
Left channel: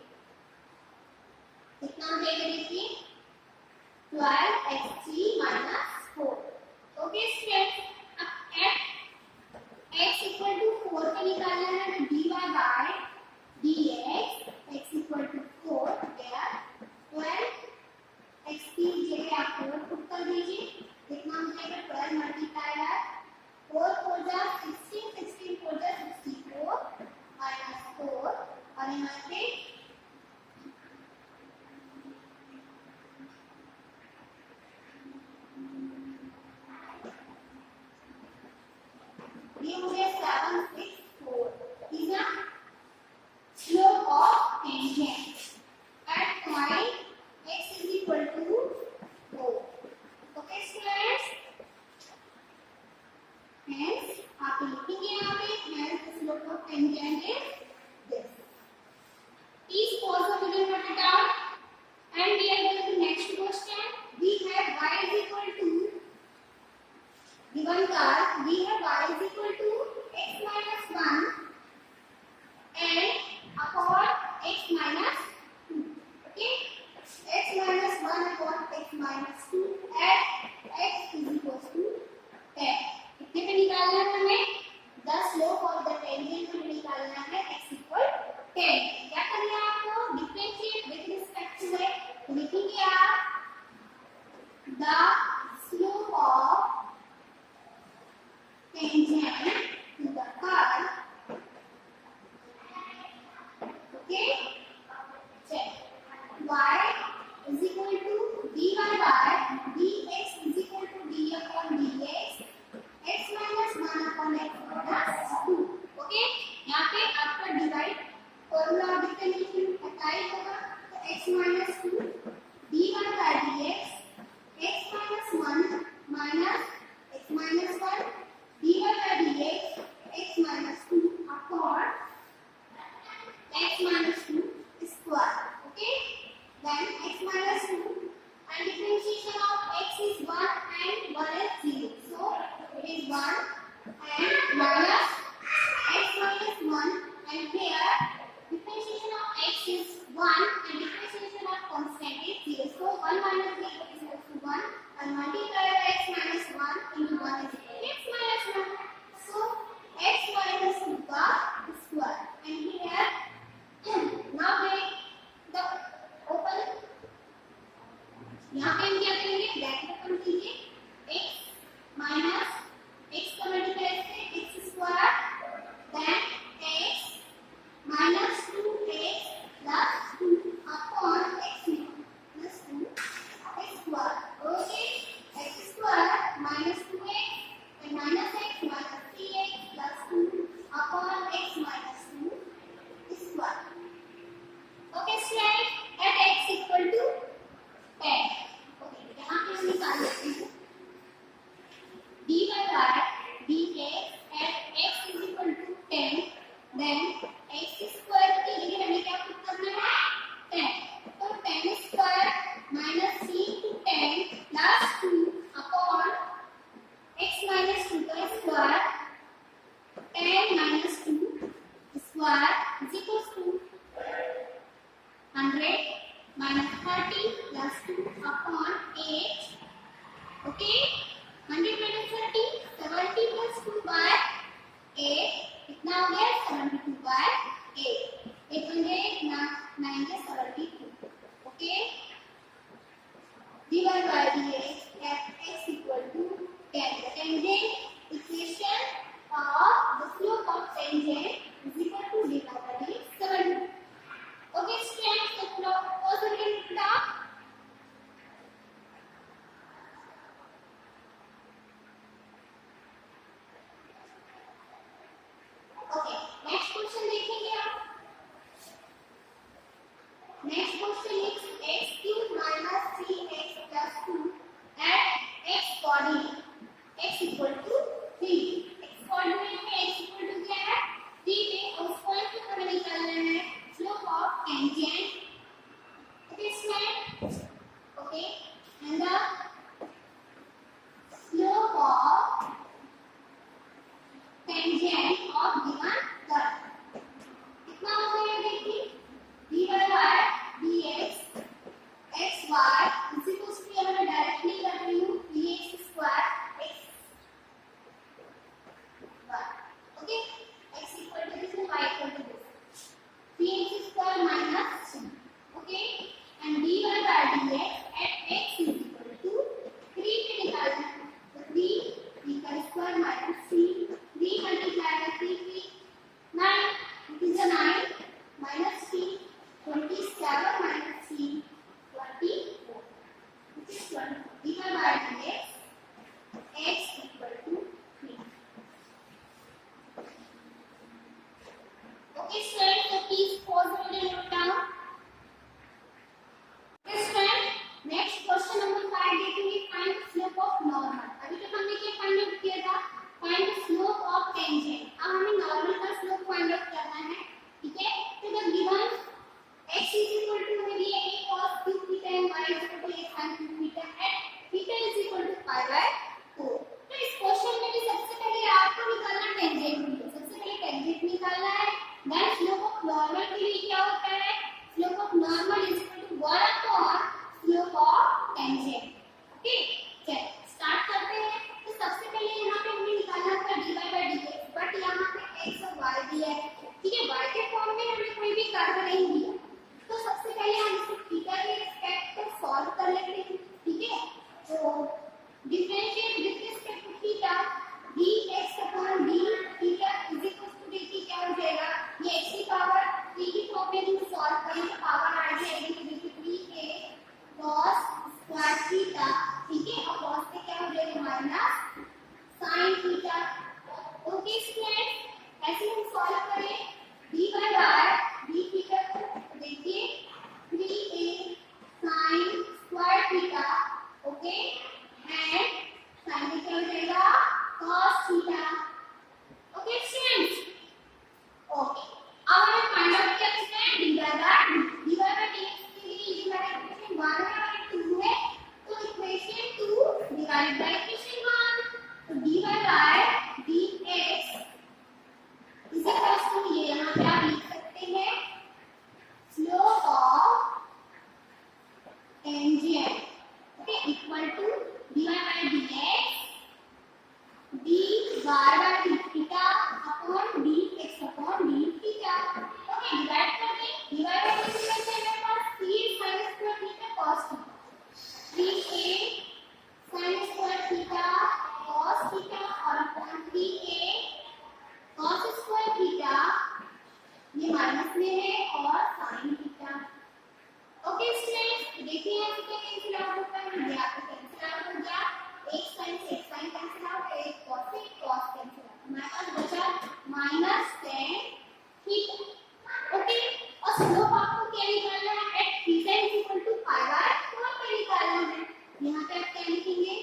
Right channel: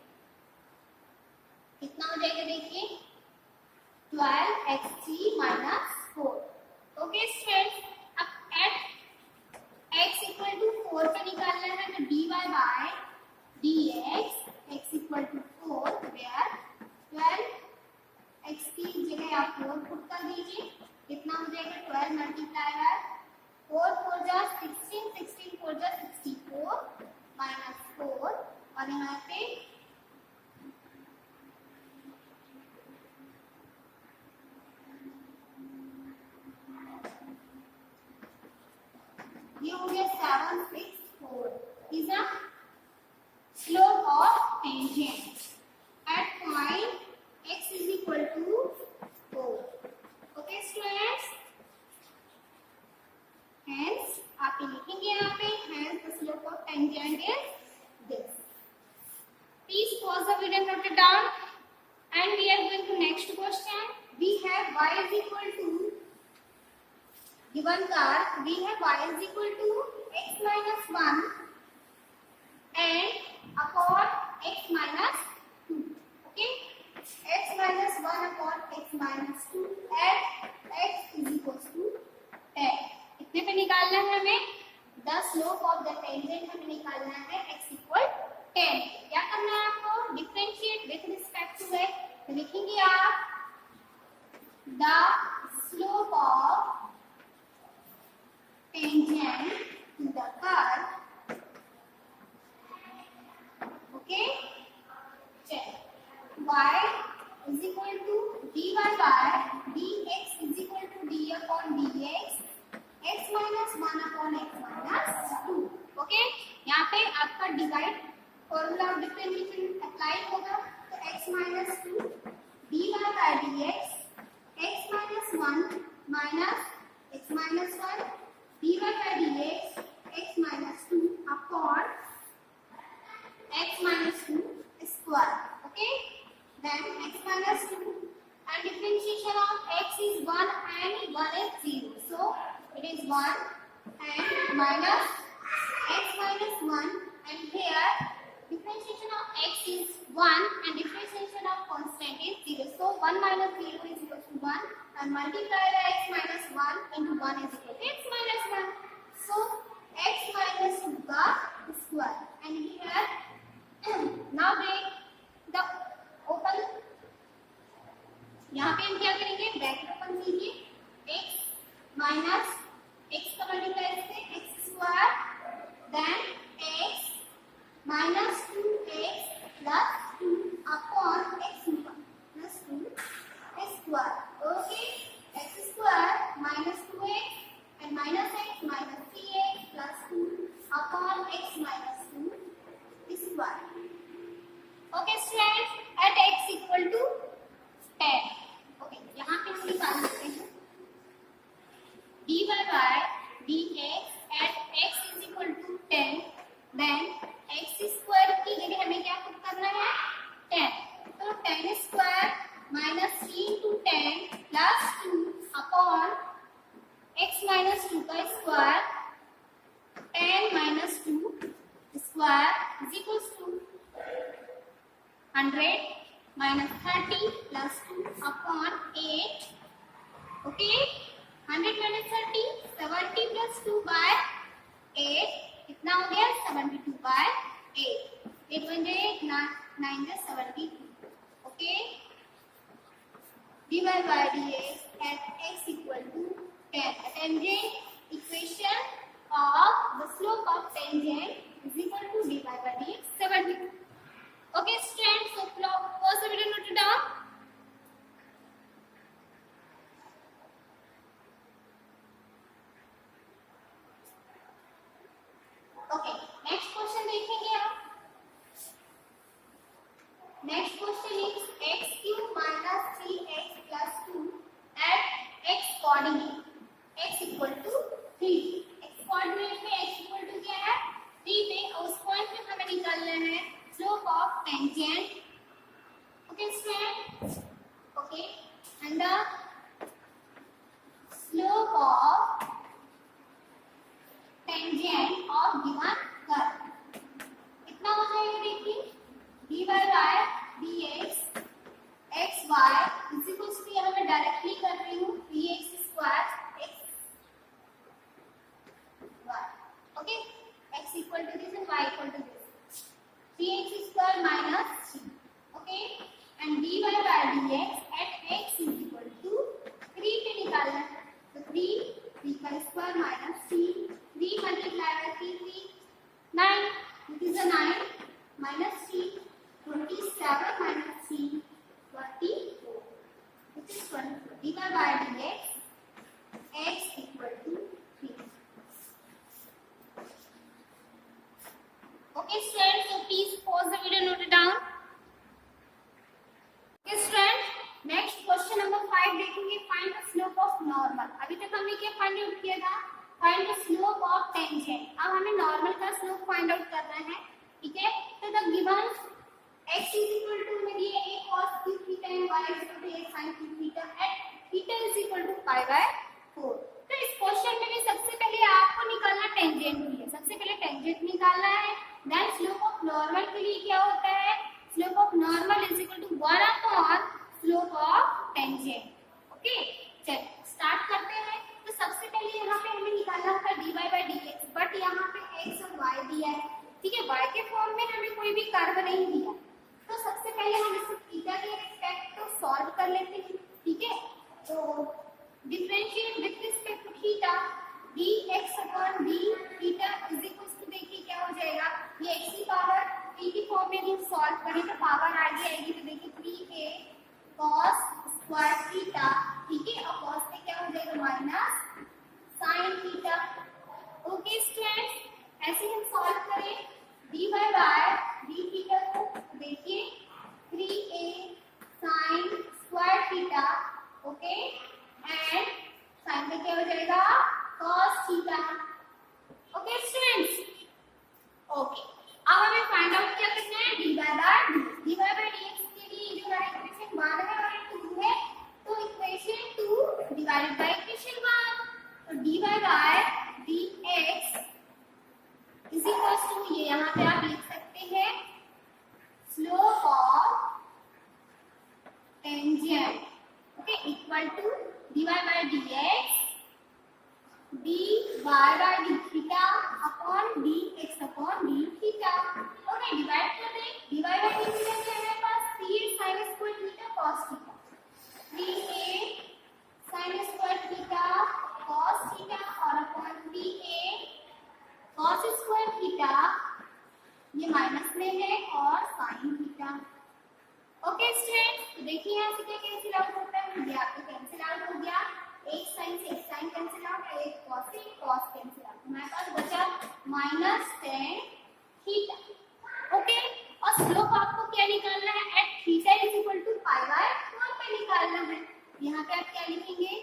कितना हो जाएगा देखिए 12x3 minus 4। ओके स्टूडेंट्स अब x equal to 4 पे निकालना है तो dy by dx x equal to 4 where 12 x की जगह आप 4 पुट कर दीजिए। कितना हो जाएगा 12 मल्टीप्लाई है 4 4 जा 16 16 4 जा 64 minus 4 और यहाँ पे ये हो गया 764 is a slope of tangent at point x is equal to 4। okay students hence आप लिखेंगे यहाँ पे hence the slope of tangent is this। please pause the video and note it down and we are going to next question। we have y is equal to given curve we have y is equal to x minus 1 and upon x minus 2। okay x minus 1 upon x minus 2 at x is equals to 10। कितने पे निकालना है हमें the slope of the tangent हमें निकालना है x equal 10। क्या करना है आपको differentiate with respect to x तो लिखेंगे आप the slope of tangent to the curve। okay check y is equal to dy by dx is equal to d upon dx x minus 1 upon x minus 2। okay यहाँ पे आपका divide formula of differentiation apply होगा तो x minus 2 dy by dx x minus 1 minus x minus 1 dy by dx x minus 2 upon x minus 2 square। okay then x minus 2 and differentiation of x is 1 and 1 is 0 so it is 1 and minus x minus 1 and here differentiation of x is 1 and differentiation of constant is 0 so 1 minus 0 is equal to 1 and multiply by x minus 1 into 1 is equal to x minus 1 so x minus 2 का square and here now they the open यहाँ पे हम क्या करेंगे ब्रैकेट ओपन कीजिए x minus x का मल्टीप्लाई से x square then x minus 2x plus 2 upon x plus 2 square। okay x square minus 2x and minus x minus 3x plus 2 upon x minus 2 square। okay students at x equal to 10 okay यहाँ पे हम निकाल लेते हैं dy by dx at x is equal to 10 then x square की जगह हमें क्या पुट करना है 10 तो 10 square minus 3 into 10 plus 2 upon x minus 2 का square 10 minus 2 square is equals to 100 minus 30 plus 2 upon 8 okay 100 minus 30 70 plus 2 by tangent is equal to dy by dx 7. Okay students, so pause the video, note it down. Okay, next question देखेंगे आप. Next question is x cube minus 3x plus 2 at x coordinate. X equal to 3. X coordinate में x equal to क्या है? 3 पे, और उस पॉइंट पे हमें निकालना है slope of tangent. Okay students? Okay, and the slope of tangent of given curve. कितना होता है देखिए, dy by dx x y इसी को उसकी हमें डायरेक्टली कर रही हूँ dx square x y. Okay, x equal to this y equal to this 3x square minus 2. Okay, and dy by dx at x is equal to 3 पे निकालना है, तो 3 का square minus 3 multiply by 3 9, which is a 9 minus 3 27 minus 3 24, which is 24. dy by dx x equal to 3. Okay students, so please pause the video, note it down. Okay students, next question number 5 देखेंगे, find the slope of normal. अभी तक हमने क्या फाइंड आउट किया था? Find the slope of tangent. अब हमें नॉर्मल का स्लोप फाइंड आउट करना है. ठीक है, तो the given x is equal to मेरी a cos cube theta and y is equal to a sin cube theta at theta is equal to pi by 4. तो इस क्वेश्चन में भी सबसे पहले आपको निकालना टेंजेंट है. सबसे पहले टेंजेंट निकालना है. देन स्लोप ऑफ नॉर्मल के लिए क्या होता है? Slope of normal is equal to 1 upon slope of tangent. Okay, चलिए स्टार्ट करते हैं. तो सबसे पहले यहाँ पे हमें निकालना था dy by dx, बट यहाँ पे x और y दिया है. ठीक है, y के फॉर्म में हमें कोई भी कर्व नहीं दिया, तो सबसे पहले हम इसको थीटा के रिस्पेक्ट तो सॉल्व कर लेते हैं. ठीक है, तो differentiate with respect to theta dx upon d theta is equal to, देखिए क्या हो जाएगा, ये x की पावर 3 की फॉर्म में हम सॉल्व करें तो पावर आ जाएगी, तो देखिए 3a cos स्क्वायर थीटा. ठीक है, और cos पे क्या हो जाएगा minus sin theta. Okay students, ऐसे हम सॉल्व करें dy by d थीटा को, देखिए 3a sin square theta. Okay, and sin पे क्या हो जाएगा cos theta. Okay students, okay, अब हमें फाइंड आउट क्या करना है? dy by dx के लिए जो हमारा इक्वेशन 1 है और 2 है, तो इक्वेशन 2 डिवाइड बाय इक्वेशन 1, तो dy by dx is equal to, ये यहाँ पे आप लिख सकते हैं slope of tangent. Okay, equal to dy by dx dy by d theta upon dx upon d theta. Okay, divide कर दें. dy by d थीटा क्या है हमारे पास? 3 sin square theta cos theta, 3a sin square theta cos theta और upon 3a cos square theta, ये माइनस में है, और sin थीटा. ओके स्टूडेंट्स, तो देखिए यहाँ से क्या कैंसिल आउट होता है? ये आपको कैंसिल आउट हो गया. एक sin से एक sin कैंसिल आउट, एक cos से एक cos कैंसिल आउट. हमारे पास बचा माइनस tan थीटा. ओके, और स्लोप आपको क्या निकालना है? At theta is equal to pi by 4 पे निकालना है. यहाँ पे आप क्या लिखेंगे?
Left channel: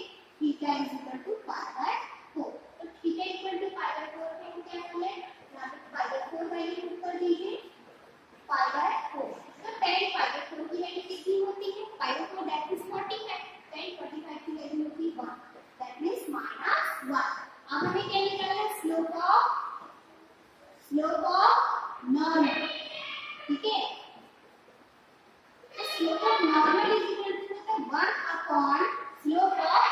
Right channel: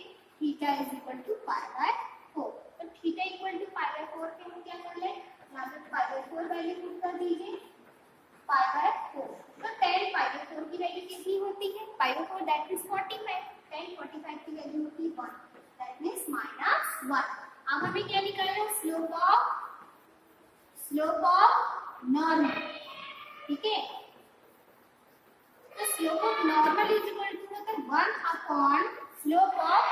Theta is equal to pi by 4. तो theta equal to pi by 4 पे हम क्या कर ले? यहाँ पे पाई बाय 4 वैल्यू पुट कर दीजिए, पाई बाय 4. तो tan पाई बाय 4 की वैल्यू कितनी होती है? पाई बाय 4 दैट इज 45. tan 45 की वैल्यू होती है 1, दैट मींस -1. अब हमें क्या निकालना है? Slope of normal. ठीक है, तो slope of normal is equal to होता है 1 अपॉन स्लोप ऑफ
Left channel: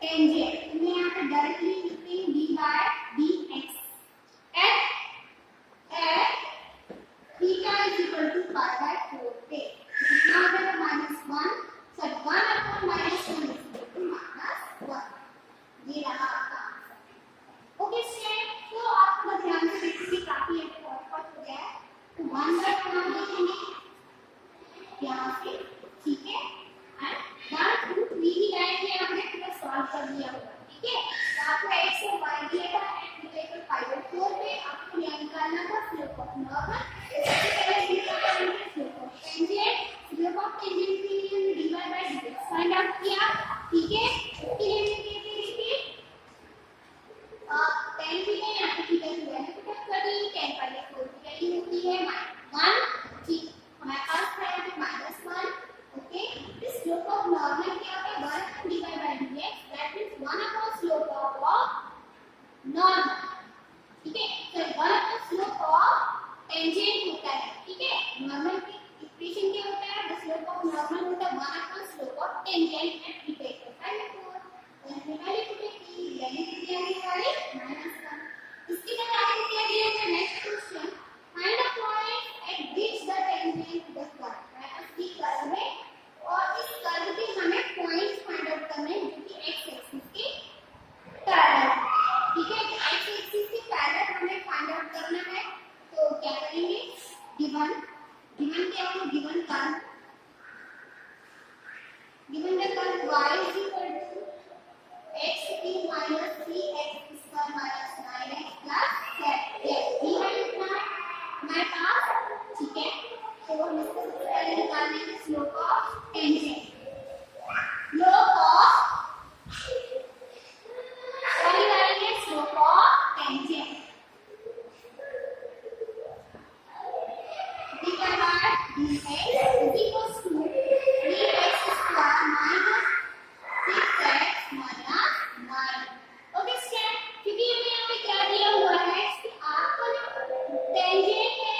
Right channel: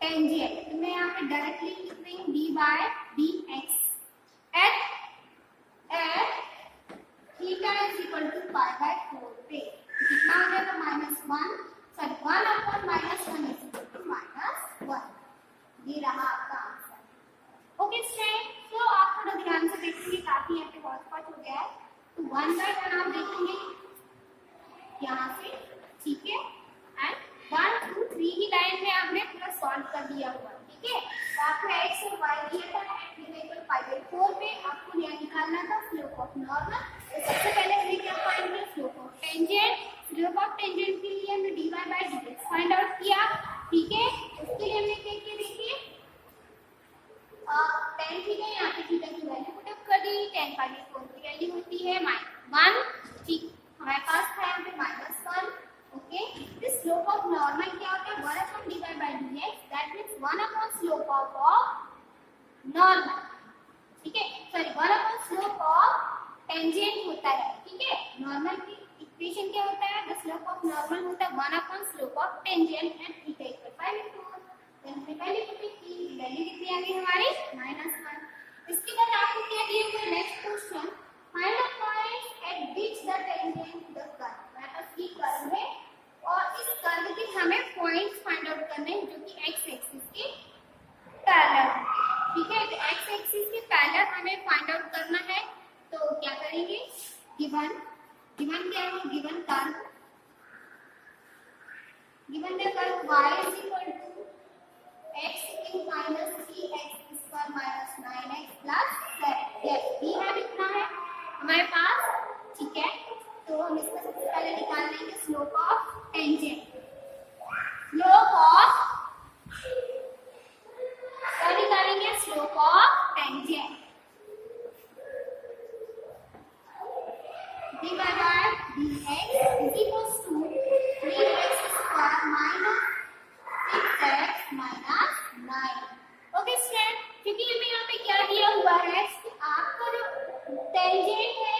टेंजेंट. मैं यहाँ पे डायरेक्टली लिख रही हूँ dy by dx at theta is equal to pi by 4 पे. कितना आ जाएगा? -1, sorry 1 upon -1 is equal to -1. ये रहा आपका आंसर. ओके स्टूडेंट, तो आप थोड़ा ध्यान से देखिए वन बाय वन आप देखेंगे यहाँ से, ठीक है। एंड 1 2 3 की लाइन में आपने पूरा सॉल्व कर दिया होगा, ठीक है। तो आपको x और y दिया था, x इक्वल पाई बाय 4 पे आपको यह निकालना था स्लोप ऑफ नॉर्मल। सबसे पहले निकाल पाएंगे slope of tangent. Slope of tangent के लिए हमने dy by dx find out किया, ठीक है। इसके लिए हमने क्या किया, देखिए tan थीटा, यहाँ पे थीटा की वैल्यू पुट अप कर दी। tan पाई बाय 4 की वैल्यू होती है -1, ठीक। हमारे पास था यहाँ पे -1, okay. This slope of normal क्या होता है, 1 upon dy by dx, that means 1 upon slope of normal, ठीक है। Sorry 1 upon slope of tangent होता है, ठीक है। नॉर्मल की इक्वेशन क्या होता है, द स्लोप ऑफ नॉर्मल होता है 1 upon slope of tangent and theta equal pi by 4। Then value put की वैल्यू कितनी आ गई हमारी -1। इसके बाद आगे क्या दिया है, next question, find the point at which the tangent the curve. हमारे पास ये कर्व है और इस कर्व के हमें पॉइंट्स फाइंड आउट करने हैं जो कि x एक्सिस के पैरेलल है, ठीक है। तो x एक्सिस के पैरेलल हमें फाइंड आउट करना है, तो क्या करेंगे, गिवन क्या है, given curve, given the curve y is equal to x cube minus 3x square minus 9x plus 7। Yes, ये लिखना है हमारे पास, ठीक है। तो हम इसका सबसे पहले निकाल लेंगे slope of tangent. Slope of, क्या निकालेंगे, slope of tangent dy by dx is equals to 3x square minus 6x minus 9। Okay student, क्योंकि हमें यहाँ पे क्या दिया हुआ है कि आपका जो टेंजेंट है,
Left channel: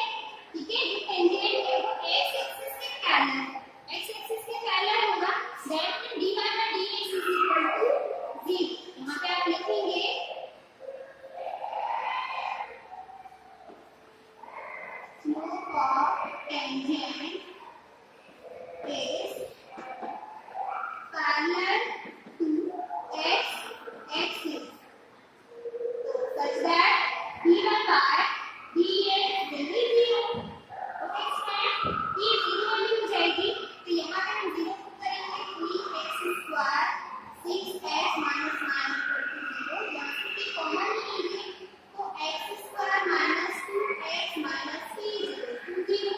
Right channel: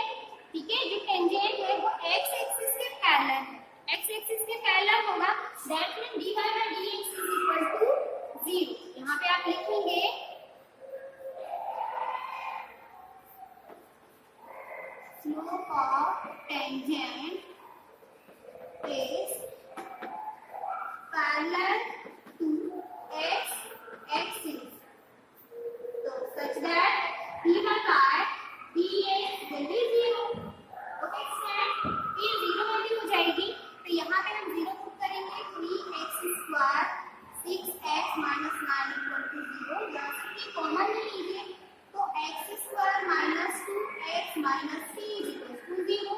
ठीक है, जो टेंजेंट है वो x एक्सिस के पैरेलल है, x एक्सिस के पैरेलल होगा, that means dy by dx is equal to 0। यहाँ पे आप लिखेंगे slope of tangent is parallel to x axis, so such that dy by dx will be 0। Okay student, ये 0 वाली हो जाएगी, तो यहाँ पे हम 0 पुट करेंगे, 3x square 6x minus 9 equal to 0। यहाँ से कॉमन ले लीजिए, तो x square minus 2x minus 3 is equal to 0।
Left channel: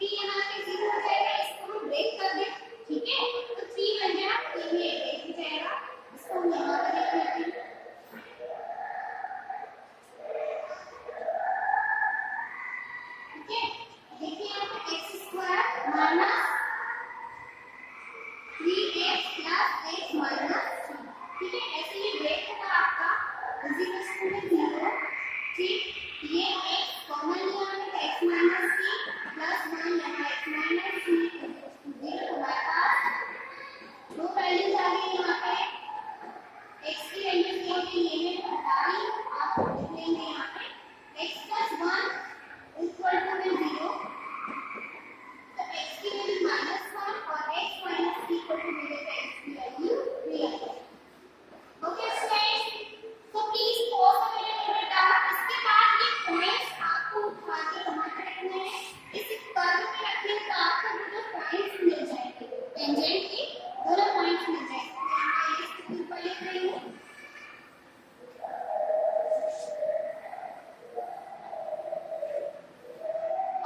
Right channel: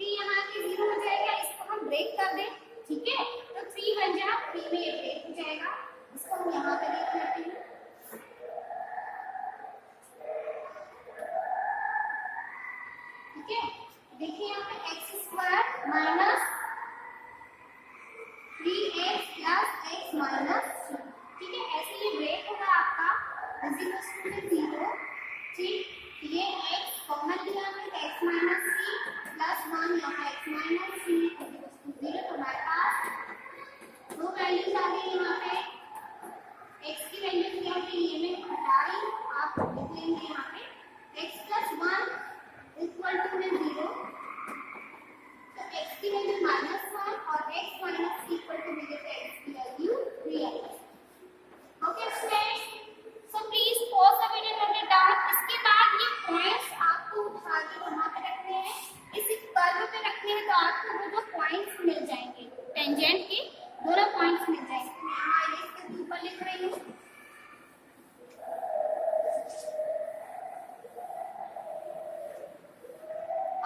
3 यहाँ पे 0 हो जाएगा, इसको हम ब्रेक कर दें, ठीक है। तो 3 बन जाएगा, 3 में 1 ब्रेक हो जाएगा, इसको हम यहाँ पे देख लेते हैं, ठीक है। देखिए यहाँ पे x square minus 3x plus x minus 2, ठीक है। ऐसे ये ब्रेक होगा आपका इज इक्वल टू 0, ठीक। ये x कॉमन लिया हमने, तो x माइनस 3 प्लस 1 यहाँ x minus 3 is equal to 0। तो हमारे पास दो वैल्यूज आ गई यहाँ पे, x की वैल्यू क्या होगी, ये मैं हटा रही हूँ, आप लिख लेंगे यहाँ पे x प्लस 1 इक्वल टू में 0, तो x की वैल्यू -1 और x माइनस 3 इक्वल टू मिलेगा x की value 3। Okay students, so please pause the video, note it down. इसके बाद ये पॉइंट्स आपको उठा के वहां पे रखने हैं, इस कर्व पे रखने हैं, तो आपको वो जो पॉइंट्स मिल जाएंगे, टेंजेंट के दोनों पॉइंट्स मिल जाएंगे। मैं यहाँ ये इसके ऊपर लिख रही हूँ,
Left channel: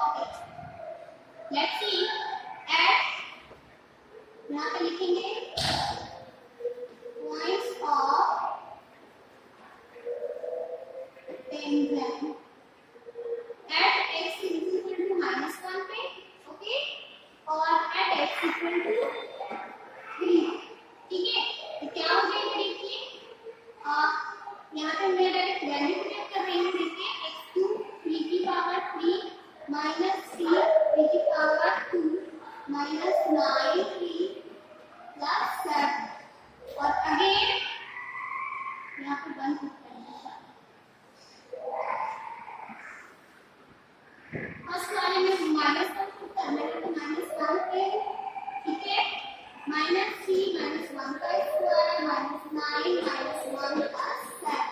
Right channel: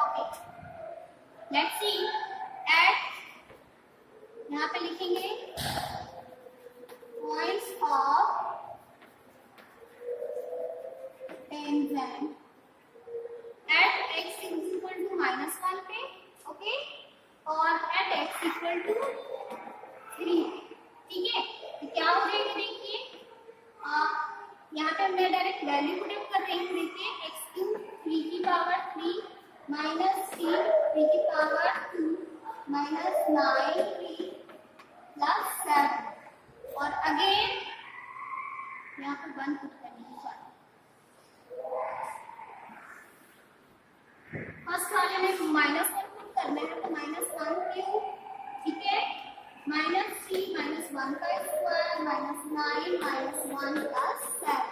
ओके। लेट्स सी एट, यहाँ पे लिखेंगे points of tangent at x is equal to -1 पे, ओके, और at x equal to 3, ठीक है। तो क्या हो जाएगा, देखिए यहाँ पे मैं डायरेक्ट वैल्यू पुट कर रही हूँ, देखिए x2 3 की पावर 3 माइनस 3 3 की पावर 2 माइनस 9 3 प्लस 7, और अगेन यहाँ पे 1 पुट करेंगे। फर्स्ट वाले में -1 पुट करने का, तो -1 पे, ठीक है, -3 -1 का स्क्वायर -9 -1 प्लस 7।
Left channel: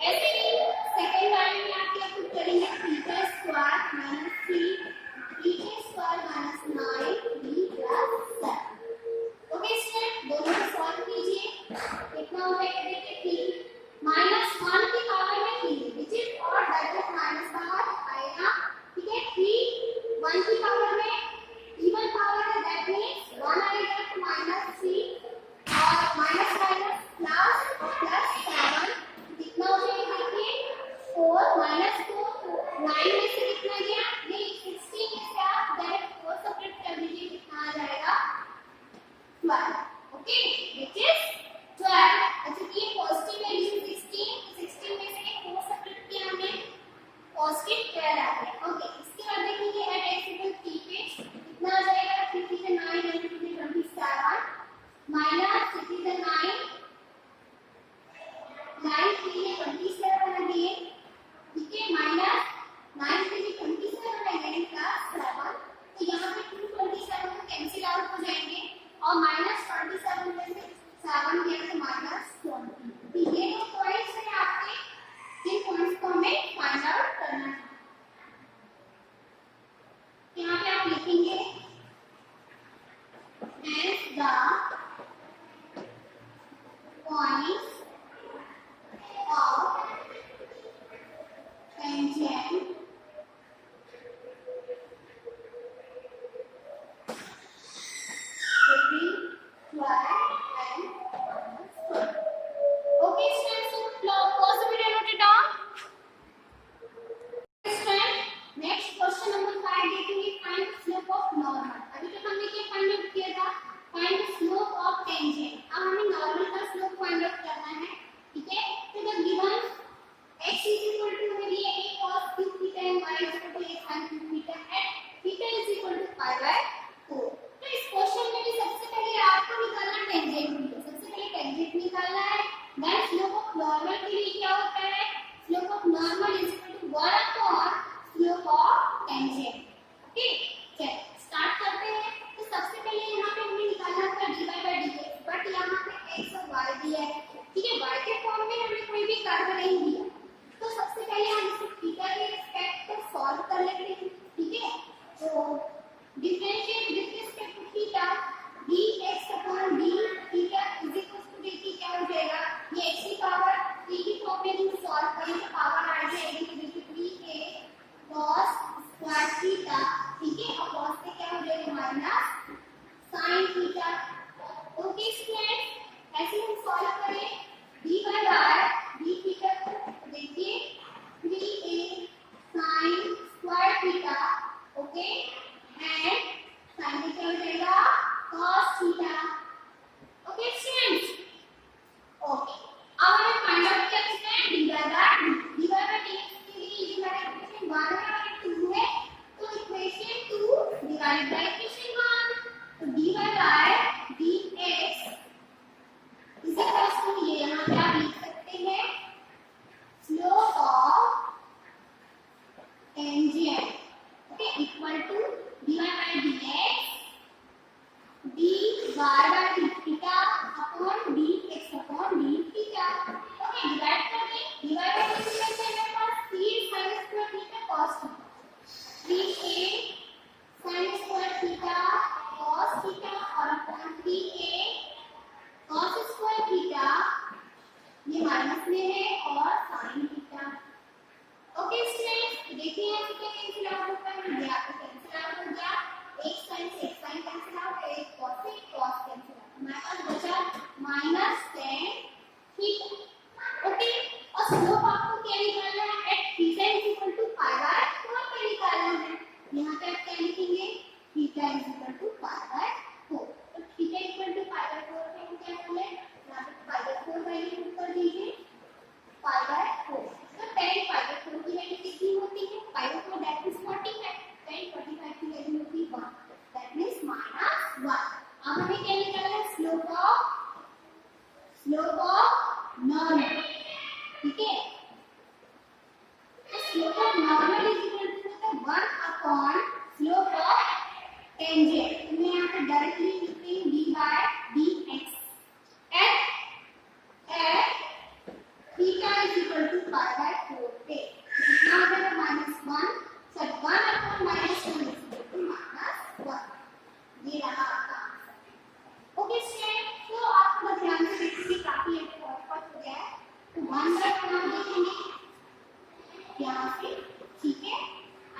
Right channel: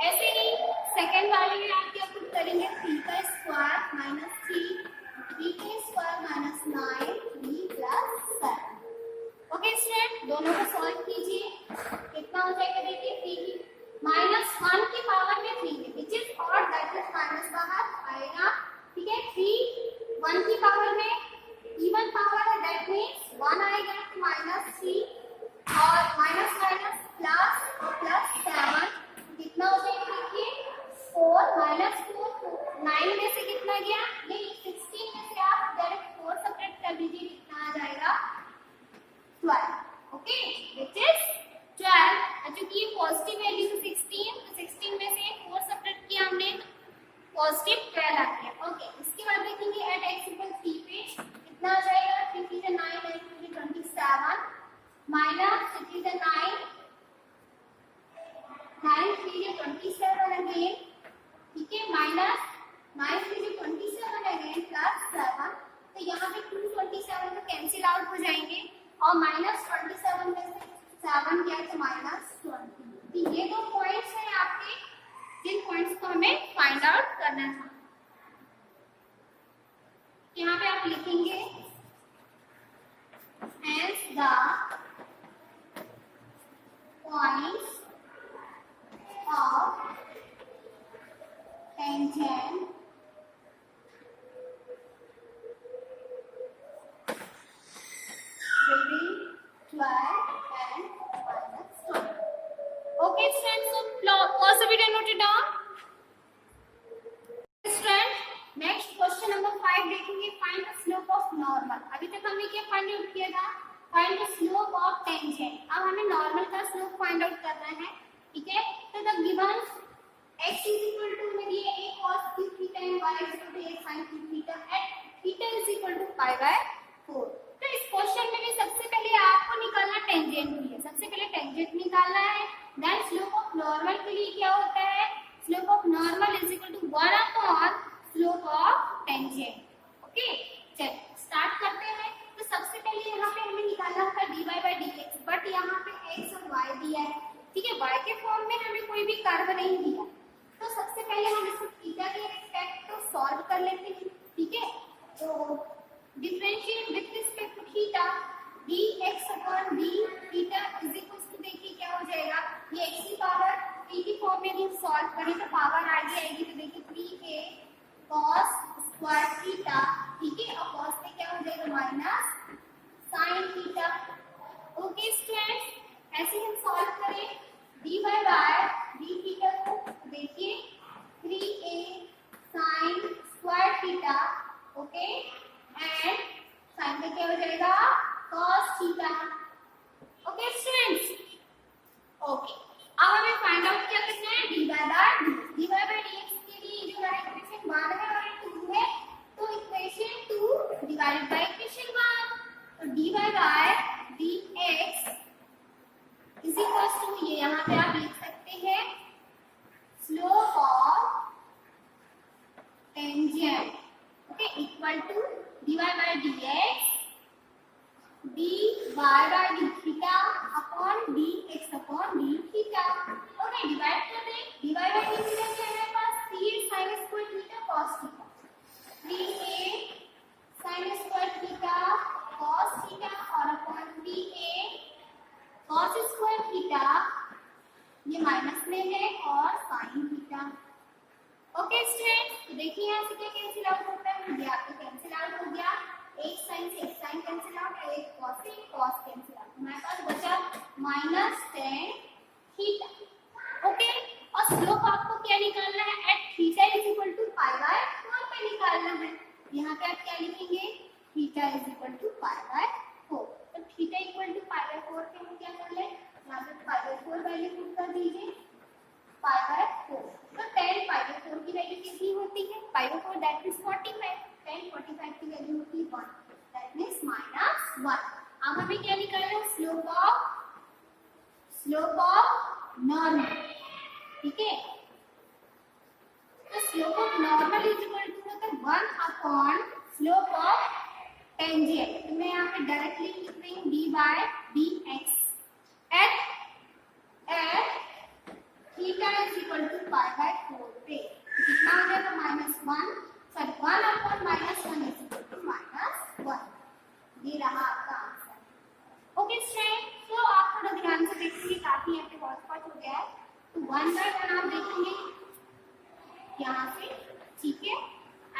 ऐसे ही सेकंड वाले में आप क्या पुट करेंगे, 3 का स्क्वायर -3 माइनस 4 तो 9 में से कितना गया, नहीं 16 में से आप डायरेक्ट 4 सब्ट्रैक्ट कर दीजिए, कितना आ जाएगा 12. Okay, which is 12. क्योंकि ये पॉजिटिव वैल्यू 16 में से 4 सब्ट्रैक्ट किया हमने, पॉजिटिव 12 आ गया. ओके, इसके बाद देखेंगे एट x इक्वल 3 पे कितना आ जाएगा, 3 3 9 and 2 27 माइनस 3 3 9 9 3 27 अगेन. ठीक है, माइनस 9 3 27 अगेन प्लस 7. तो यहाँ पे 227 तो कैंसिल आउट हो जाएंगे और माइनस 27 में से 7 गया तो माइनस 20. तो ये दो पॉइंट्स हैं आपके, जिन पॉइंट्स को हमें फाइंड आउट करना था. यहाँ पे आप लिखेंगे hence the points of tangent between 12 and minus 12. Okay, students, so pause the video, note it down. Students, next question number 5 देखेंगे, find the slope of normal. अभी तक हमने क्या फाइंड आउट किया था, find the slope of tangent. अब हमें नॉर्मल का स्लोप फाइंड आउट करना है. ठीक है, तो the given x is equal to मेरी a cos cube theta and y is equal to a sin cube theta at theta is equal to pi by 4. तो इस क्वेश्चन में भी सबसे पहले आपको निकालना टेंजेंट है. सबसे पहले टेंजेंट निकालना है. देन स्लोप ऑफ नॉर्मल के लिए क्या होता है, slope of normal is equal to 1 upon slope of tangent. Okay, चलिए स्टार्ट करते हैं. तो सबसे पहले यहाँ पे हमें निकालना था dy by dx, बट यहाँ पे x और y दिया है. ठीक है, y के फॉर्म में हमें कोई भी कर्व नहीं दिया. तो सबसे पहले हम इसे थीटा के रिस्पेक्ट तो सॉल्व कर लेते हैं. ठीक है, तो differentiate with respect to theta dx upon d theta is equal to, देखिए क्या हो जाएगा, ये x की पावर 3 की फॉर्म में हम सॉल्व करें तो पावर आ जाएगी. तो देखिए 3a cos स्क्वायर थीटा. ठीक है, और cos से क्या हो जाएगा minus sin theta. Okay students, ऐसे हम सॉल्व करें dy बाय d थीटा को, देखिए 3a sin square theta. Okay, and sin में क्या हो जाएगा cos theta. Okay students, okay अब हमें फाइंड आउट क्या करना है, dy बाय dx के लिए ये हमारा इक्वेशन 1 है और 2 है. तो इक्वेशन 2 डिवाइड बाय इक्वेशन 1. तो dy by dx is equal to, ये यहाँ पे आप लिख सकते हैं slope of tangent. Okay, equal to dy by dx dy by d theta upon dx upon d theta. Okay, divide कर दें. dy बाय d थीटा से हमारे पास 3 sin square theta cos theta, 3a sin square theta cos theta और upon 3a cos square theta, ये माइनस में है, और sin थीटा. ओके स्टूडेंट्स, देखिए यहाँ से क्या कैंसिल आउट होता है, ये आपको कैंसिल आउट हो गया. एक sin से एक sin कैंसिल आउट, एक cos से एक cos कैंसिल आउट. हमारे पास बचा माइनस tan थीटा. ओके, और स्लोप आपको क्या निकालना है, at theta is equal to pi by 4 पे निकालना है. यहाँ पे आप क्या लिखेंगे, theta is equal to pi by 4. तो theta equal to pi by 4 पे हम क्या कर ले, यहाँ पे पाई बाय 4 वैल्यू पुट कर दीजिए, पाई बाय 4. तो tan पाई बाय 4 की वैल्यू कितनी होती है, पाई बाय 4 दैट इज 45. tan 45 की वैल्यू होती है 1, दैट मींस -1. अब हमें क्या निकालना है, स्लोप ऑफ नॉर्मल. ठीक है, तो slope of normal is equal to होता है 1 अपॉन स्लोप ऑफ टेंजेंट. मैं यहाँ पे डायरेक्टली लिख रही हूँ dy by dx at theta is equal to pi by 4 पे. कितना आ जाएगा, -1, sorry 1 upon -1 is equal to -1. ये रहा आपका आंसर. ओके स्टूडेंट, तो आप थोड़ा ध्यान से देखिए, काफी यहाँ पे बहुत हो गया है. तो 1 बाय 1 आप देखेंगे यहाँ से. ठीक है,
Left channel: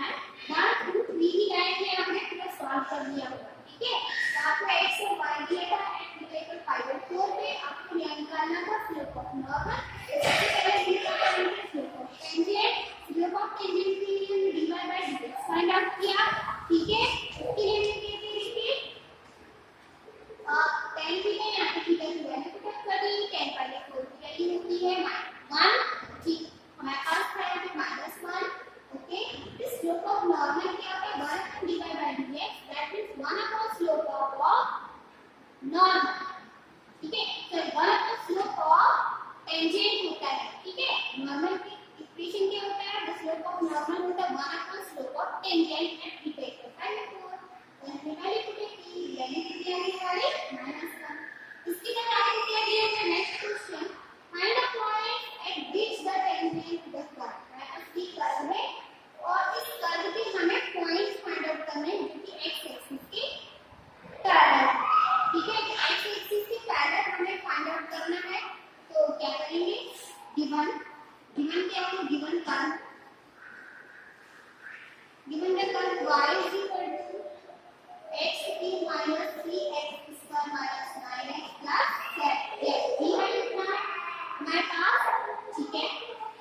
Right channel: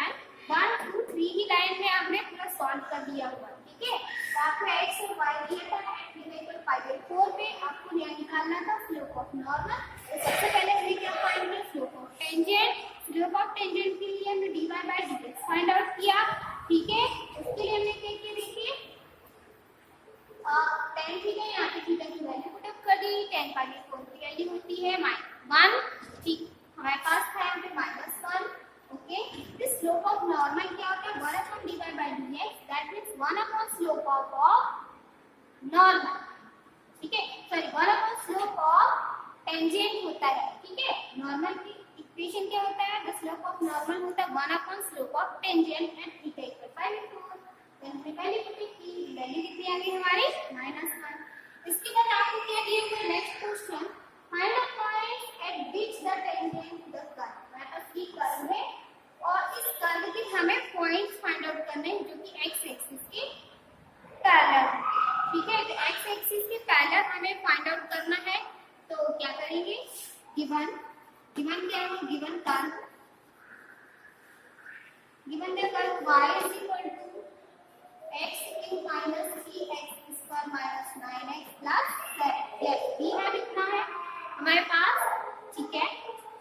एंड 1 2 3 की लाइन में आपने पूरा सॉल्व कर दिया होगा. ठीक है, तो आपको x और y दिया था एट इक्वल पाई बाय 4 पे. आपको यहाँ निकालना था स्लोप ऑफ नॉर्मल. सबसे पहले निकाल पाएंगे slope of tangent. Slope of normal होता है 1 slope of tangent and theta equal bye 4। हमने पहले पुट की वैल्यू कितनी आ गई हमारी -1। इसके बाद आगे क्या दिया है next question, find the point at which the tangent the curve. हमारे पास ये कर्व है और इस कर्व के हमें पॉइंट्स फाइंड आउट करने हैं जो कि x एक्सिस के पैरेलल है। ठीक है, तो x एक्सिस के पैरेलल हमें फाइंड आउट करना है। तो क्या करेंगे, गिवन क्या है, given curve, given the curve y is equal to x cube minus 3x square minus 9x plus 7। yes ये है कितना है हमारे पास, ठीक है।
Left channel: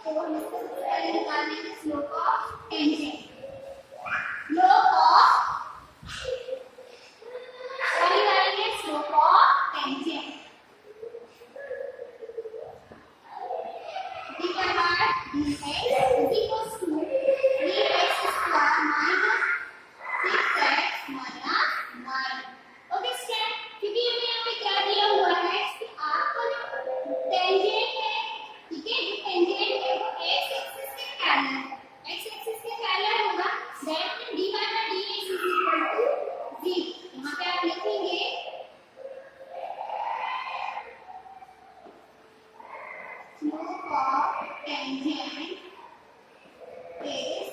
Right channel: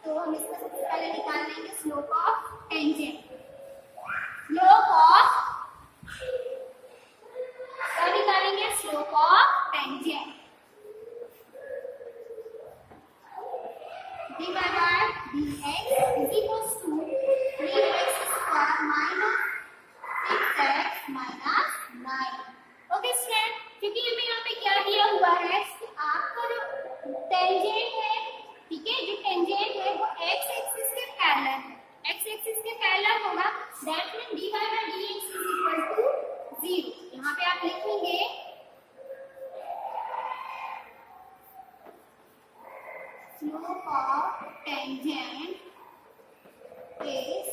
तो हम इसका सबसे पहले निकाल लेंगे slope of tangent, slope of क्या निकालेंगे, slope of tangent divided by dx is equals to 3x square minus 6x minus 9। Okay student, क्योंकि हमें यहाँ पे क्या दिया हुआ है कि आपका जो टेंजेंट है, ठीक है, जो टेंजेंट है वो x एक्सिस के पैरेलल है, x एक्सिस के पैरेलल होगा, that means dy by dx is equal to 0। यहाँ पे आप लिखेंगे slope of tangent is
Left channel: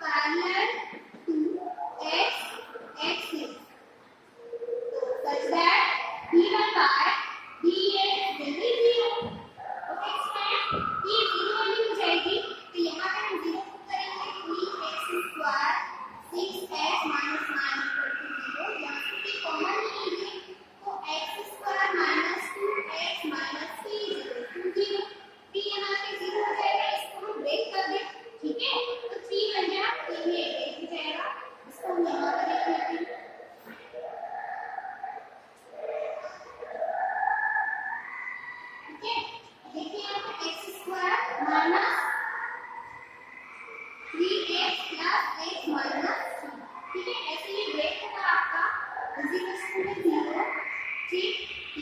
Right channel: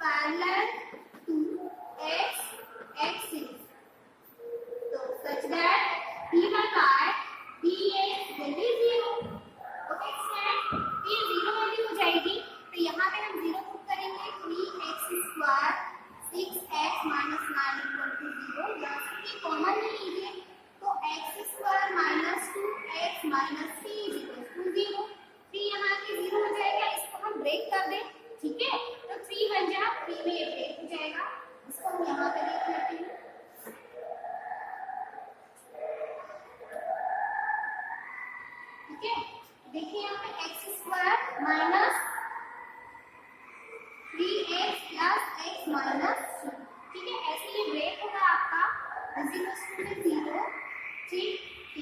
parallel to x axis, so such that dy by dx will be 0। Okay student, ये 0 वाली हो जाएगी, तो यहाँ पे हम 0 पुट करेंगे, 3x square 6x minus 9 equal to 0। यहाँ से कॉमन ले लीजिए, तो x square minus 2x minus 3 is equal to 0। 3 यहाँ से 0 हो जाएगा, इसको हम ब्रेक कर दें, ठीक है, तो 3 बन जाएगा, 3 में 1 ब्रेक हो जाएगा, इसको हम यहाँ पे देख लेते हैं। ठीक है, देखिए यहाँ पे x square minus 3x plus x minus 2, ठीक है, ऐसे ये ब्रेक होगा आपका इज इक्वल टू 0। ठीक,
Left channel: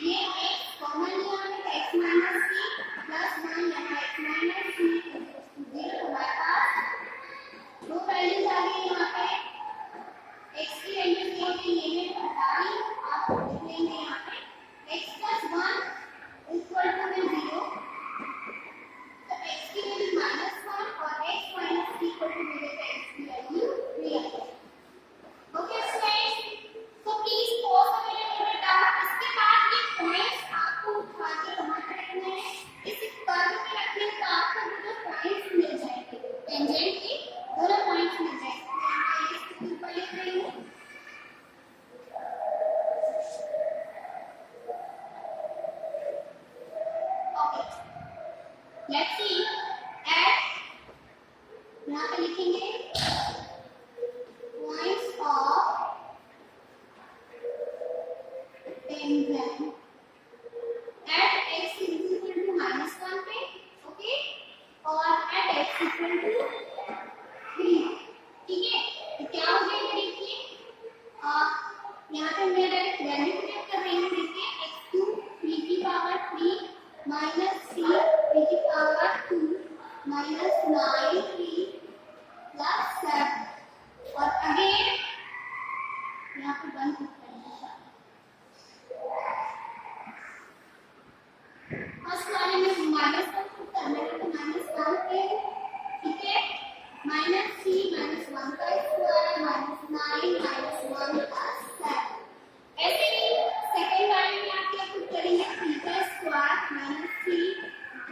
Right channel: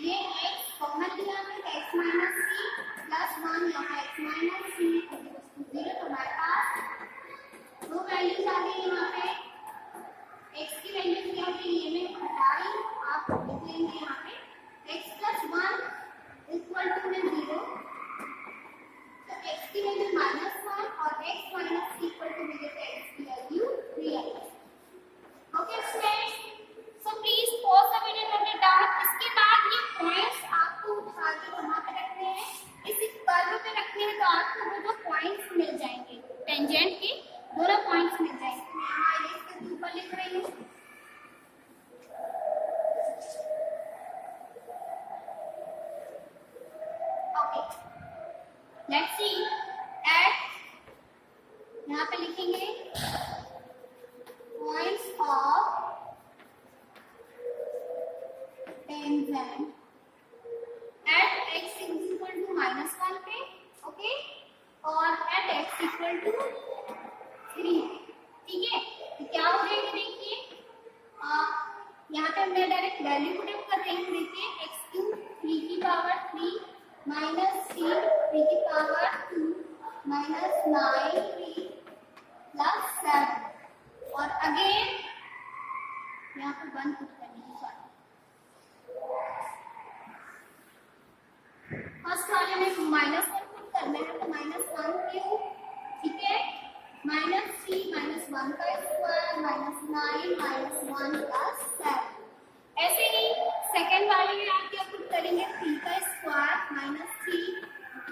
ये x कॉमन लिया हमने तो x माइनस 3 प्लस 1 यहाँ x minus 3 is equal to 0। तो हमारे पास दो वैल्यूज आ गई यहाँ पे, x की वैल्यू क्या होगी, ये मैं हटा रही हूँ, आप लिख लेंगे यहाँ पे x प्लस 1 इक्वल टू में 0, तो x की वैल्यू -1 और x माइनस 3 इक्वल टू मिलेगा x की वैल्यू 3 आएगी। Okay students, so please pause the video note it down. इसके बाद ये पॉइंट्स आपको उठा के वहां पे रखने हैं, इस कर्व पे रखने हैं, तो आपको वो जो पॉइंट्स मिल जाएंगे, टेंजेंट के दोनों पॉइंट्स मिल जाएंगे। मैं यहाँ ये इसके ऊपर लिख रही हूँ, ओके लेट्स सी एट, यहाँ पे लिखेंगे points of tangent at x is equal to -1 पे, ओके, और at x equal to 3, ठीक है। तो क्या हो जाएगा, देखिए यहाँ पे मैं डायरेक्ट वैल्यू पुट कर रही हूँ, देखिए x2 3 की पावर 3 माइनस 3 3 की पावर 2 माइनस 9 3 प्लस 7 और अगेन यहाँ पे 1 पुट करेंगे। फर्स्ट वाले में -1 पुट करना है, तो -1 पे, ठीक है, -3 -1 का स्क्वायर -9 -1 प्लस 7। ऐसे ही सेकंड वाले में आप क्या पुट करेंगे, 3 का स्क्वायर -3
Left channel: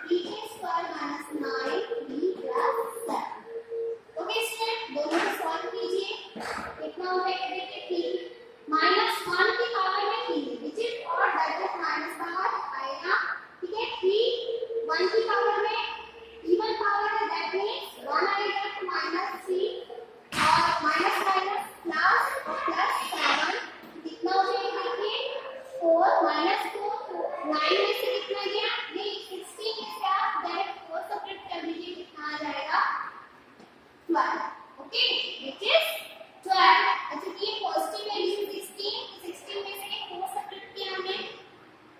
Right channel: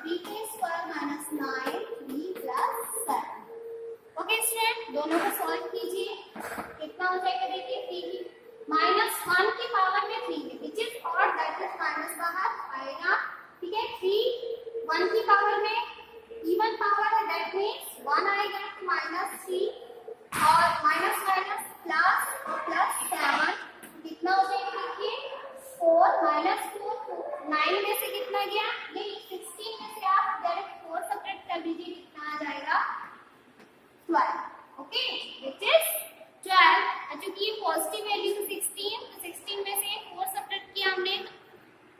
3 का स्क्वायर -9 3 प्लस 7। ओके स्टूडेंट, दोनों को सॉल्व कीजिए, कितना हो जाएगा, देखिए 3 -1 की पावर में 3 which is odd, that is minus बाहर आएगा, ठीक है। 3 1 की पावर में इवन पावर है, दैट मींस 1 आएगा, तो -3 और माइनस माइनस प्लस और प्लस 7 कितना हो जाएगा, देखिए 4 -4 तो 9 में से कितना गया, नहीं 16 में से आप डायरेक्ट 4 सेपरेट कर दीजिए, कितना आ जाएगा 12, ओके, विच इज 12। क्योंकि ये पॉजिटिव वैल्यू है 16 में से 4 सेपरेट किया हमने,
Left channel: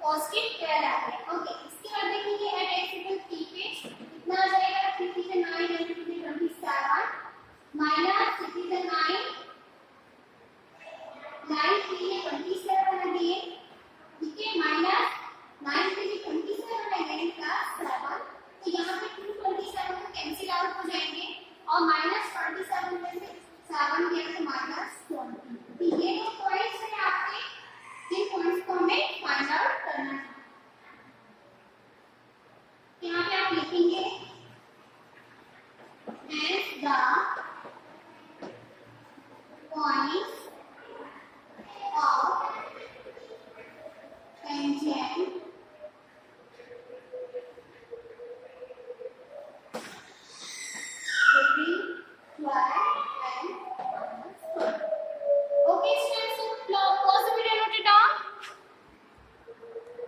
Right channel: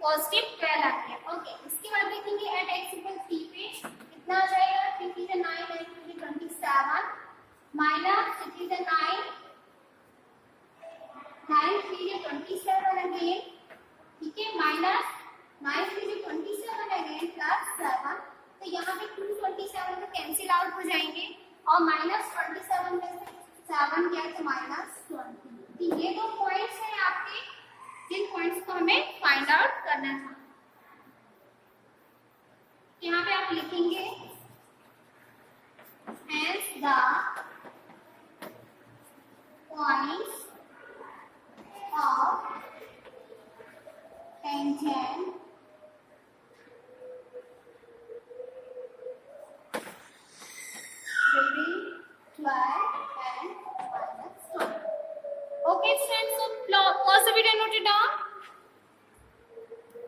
पॉजिटिव 12 आ गया, ओके। इसके बाद देखेंगे एट x इक्वल 3 पे कितना आ जाएगा, 3 3 9 9 और -27 में से 7 गया तो -20। तो ये दो पॉइंट्स हैं आपके, जिन पॉइंट्स को हमें फाइंड आउट करना था। यहाँ पे आप लिखेंगे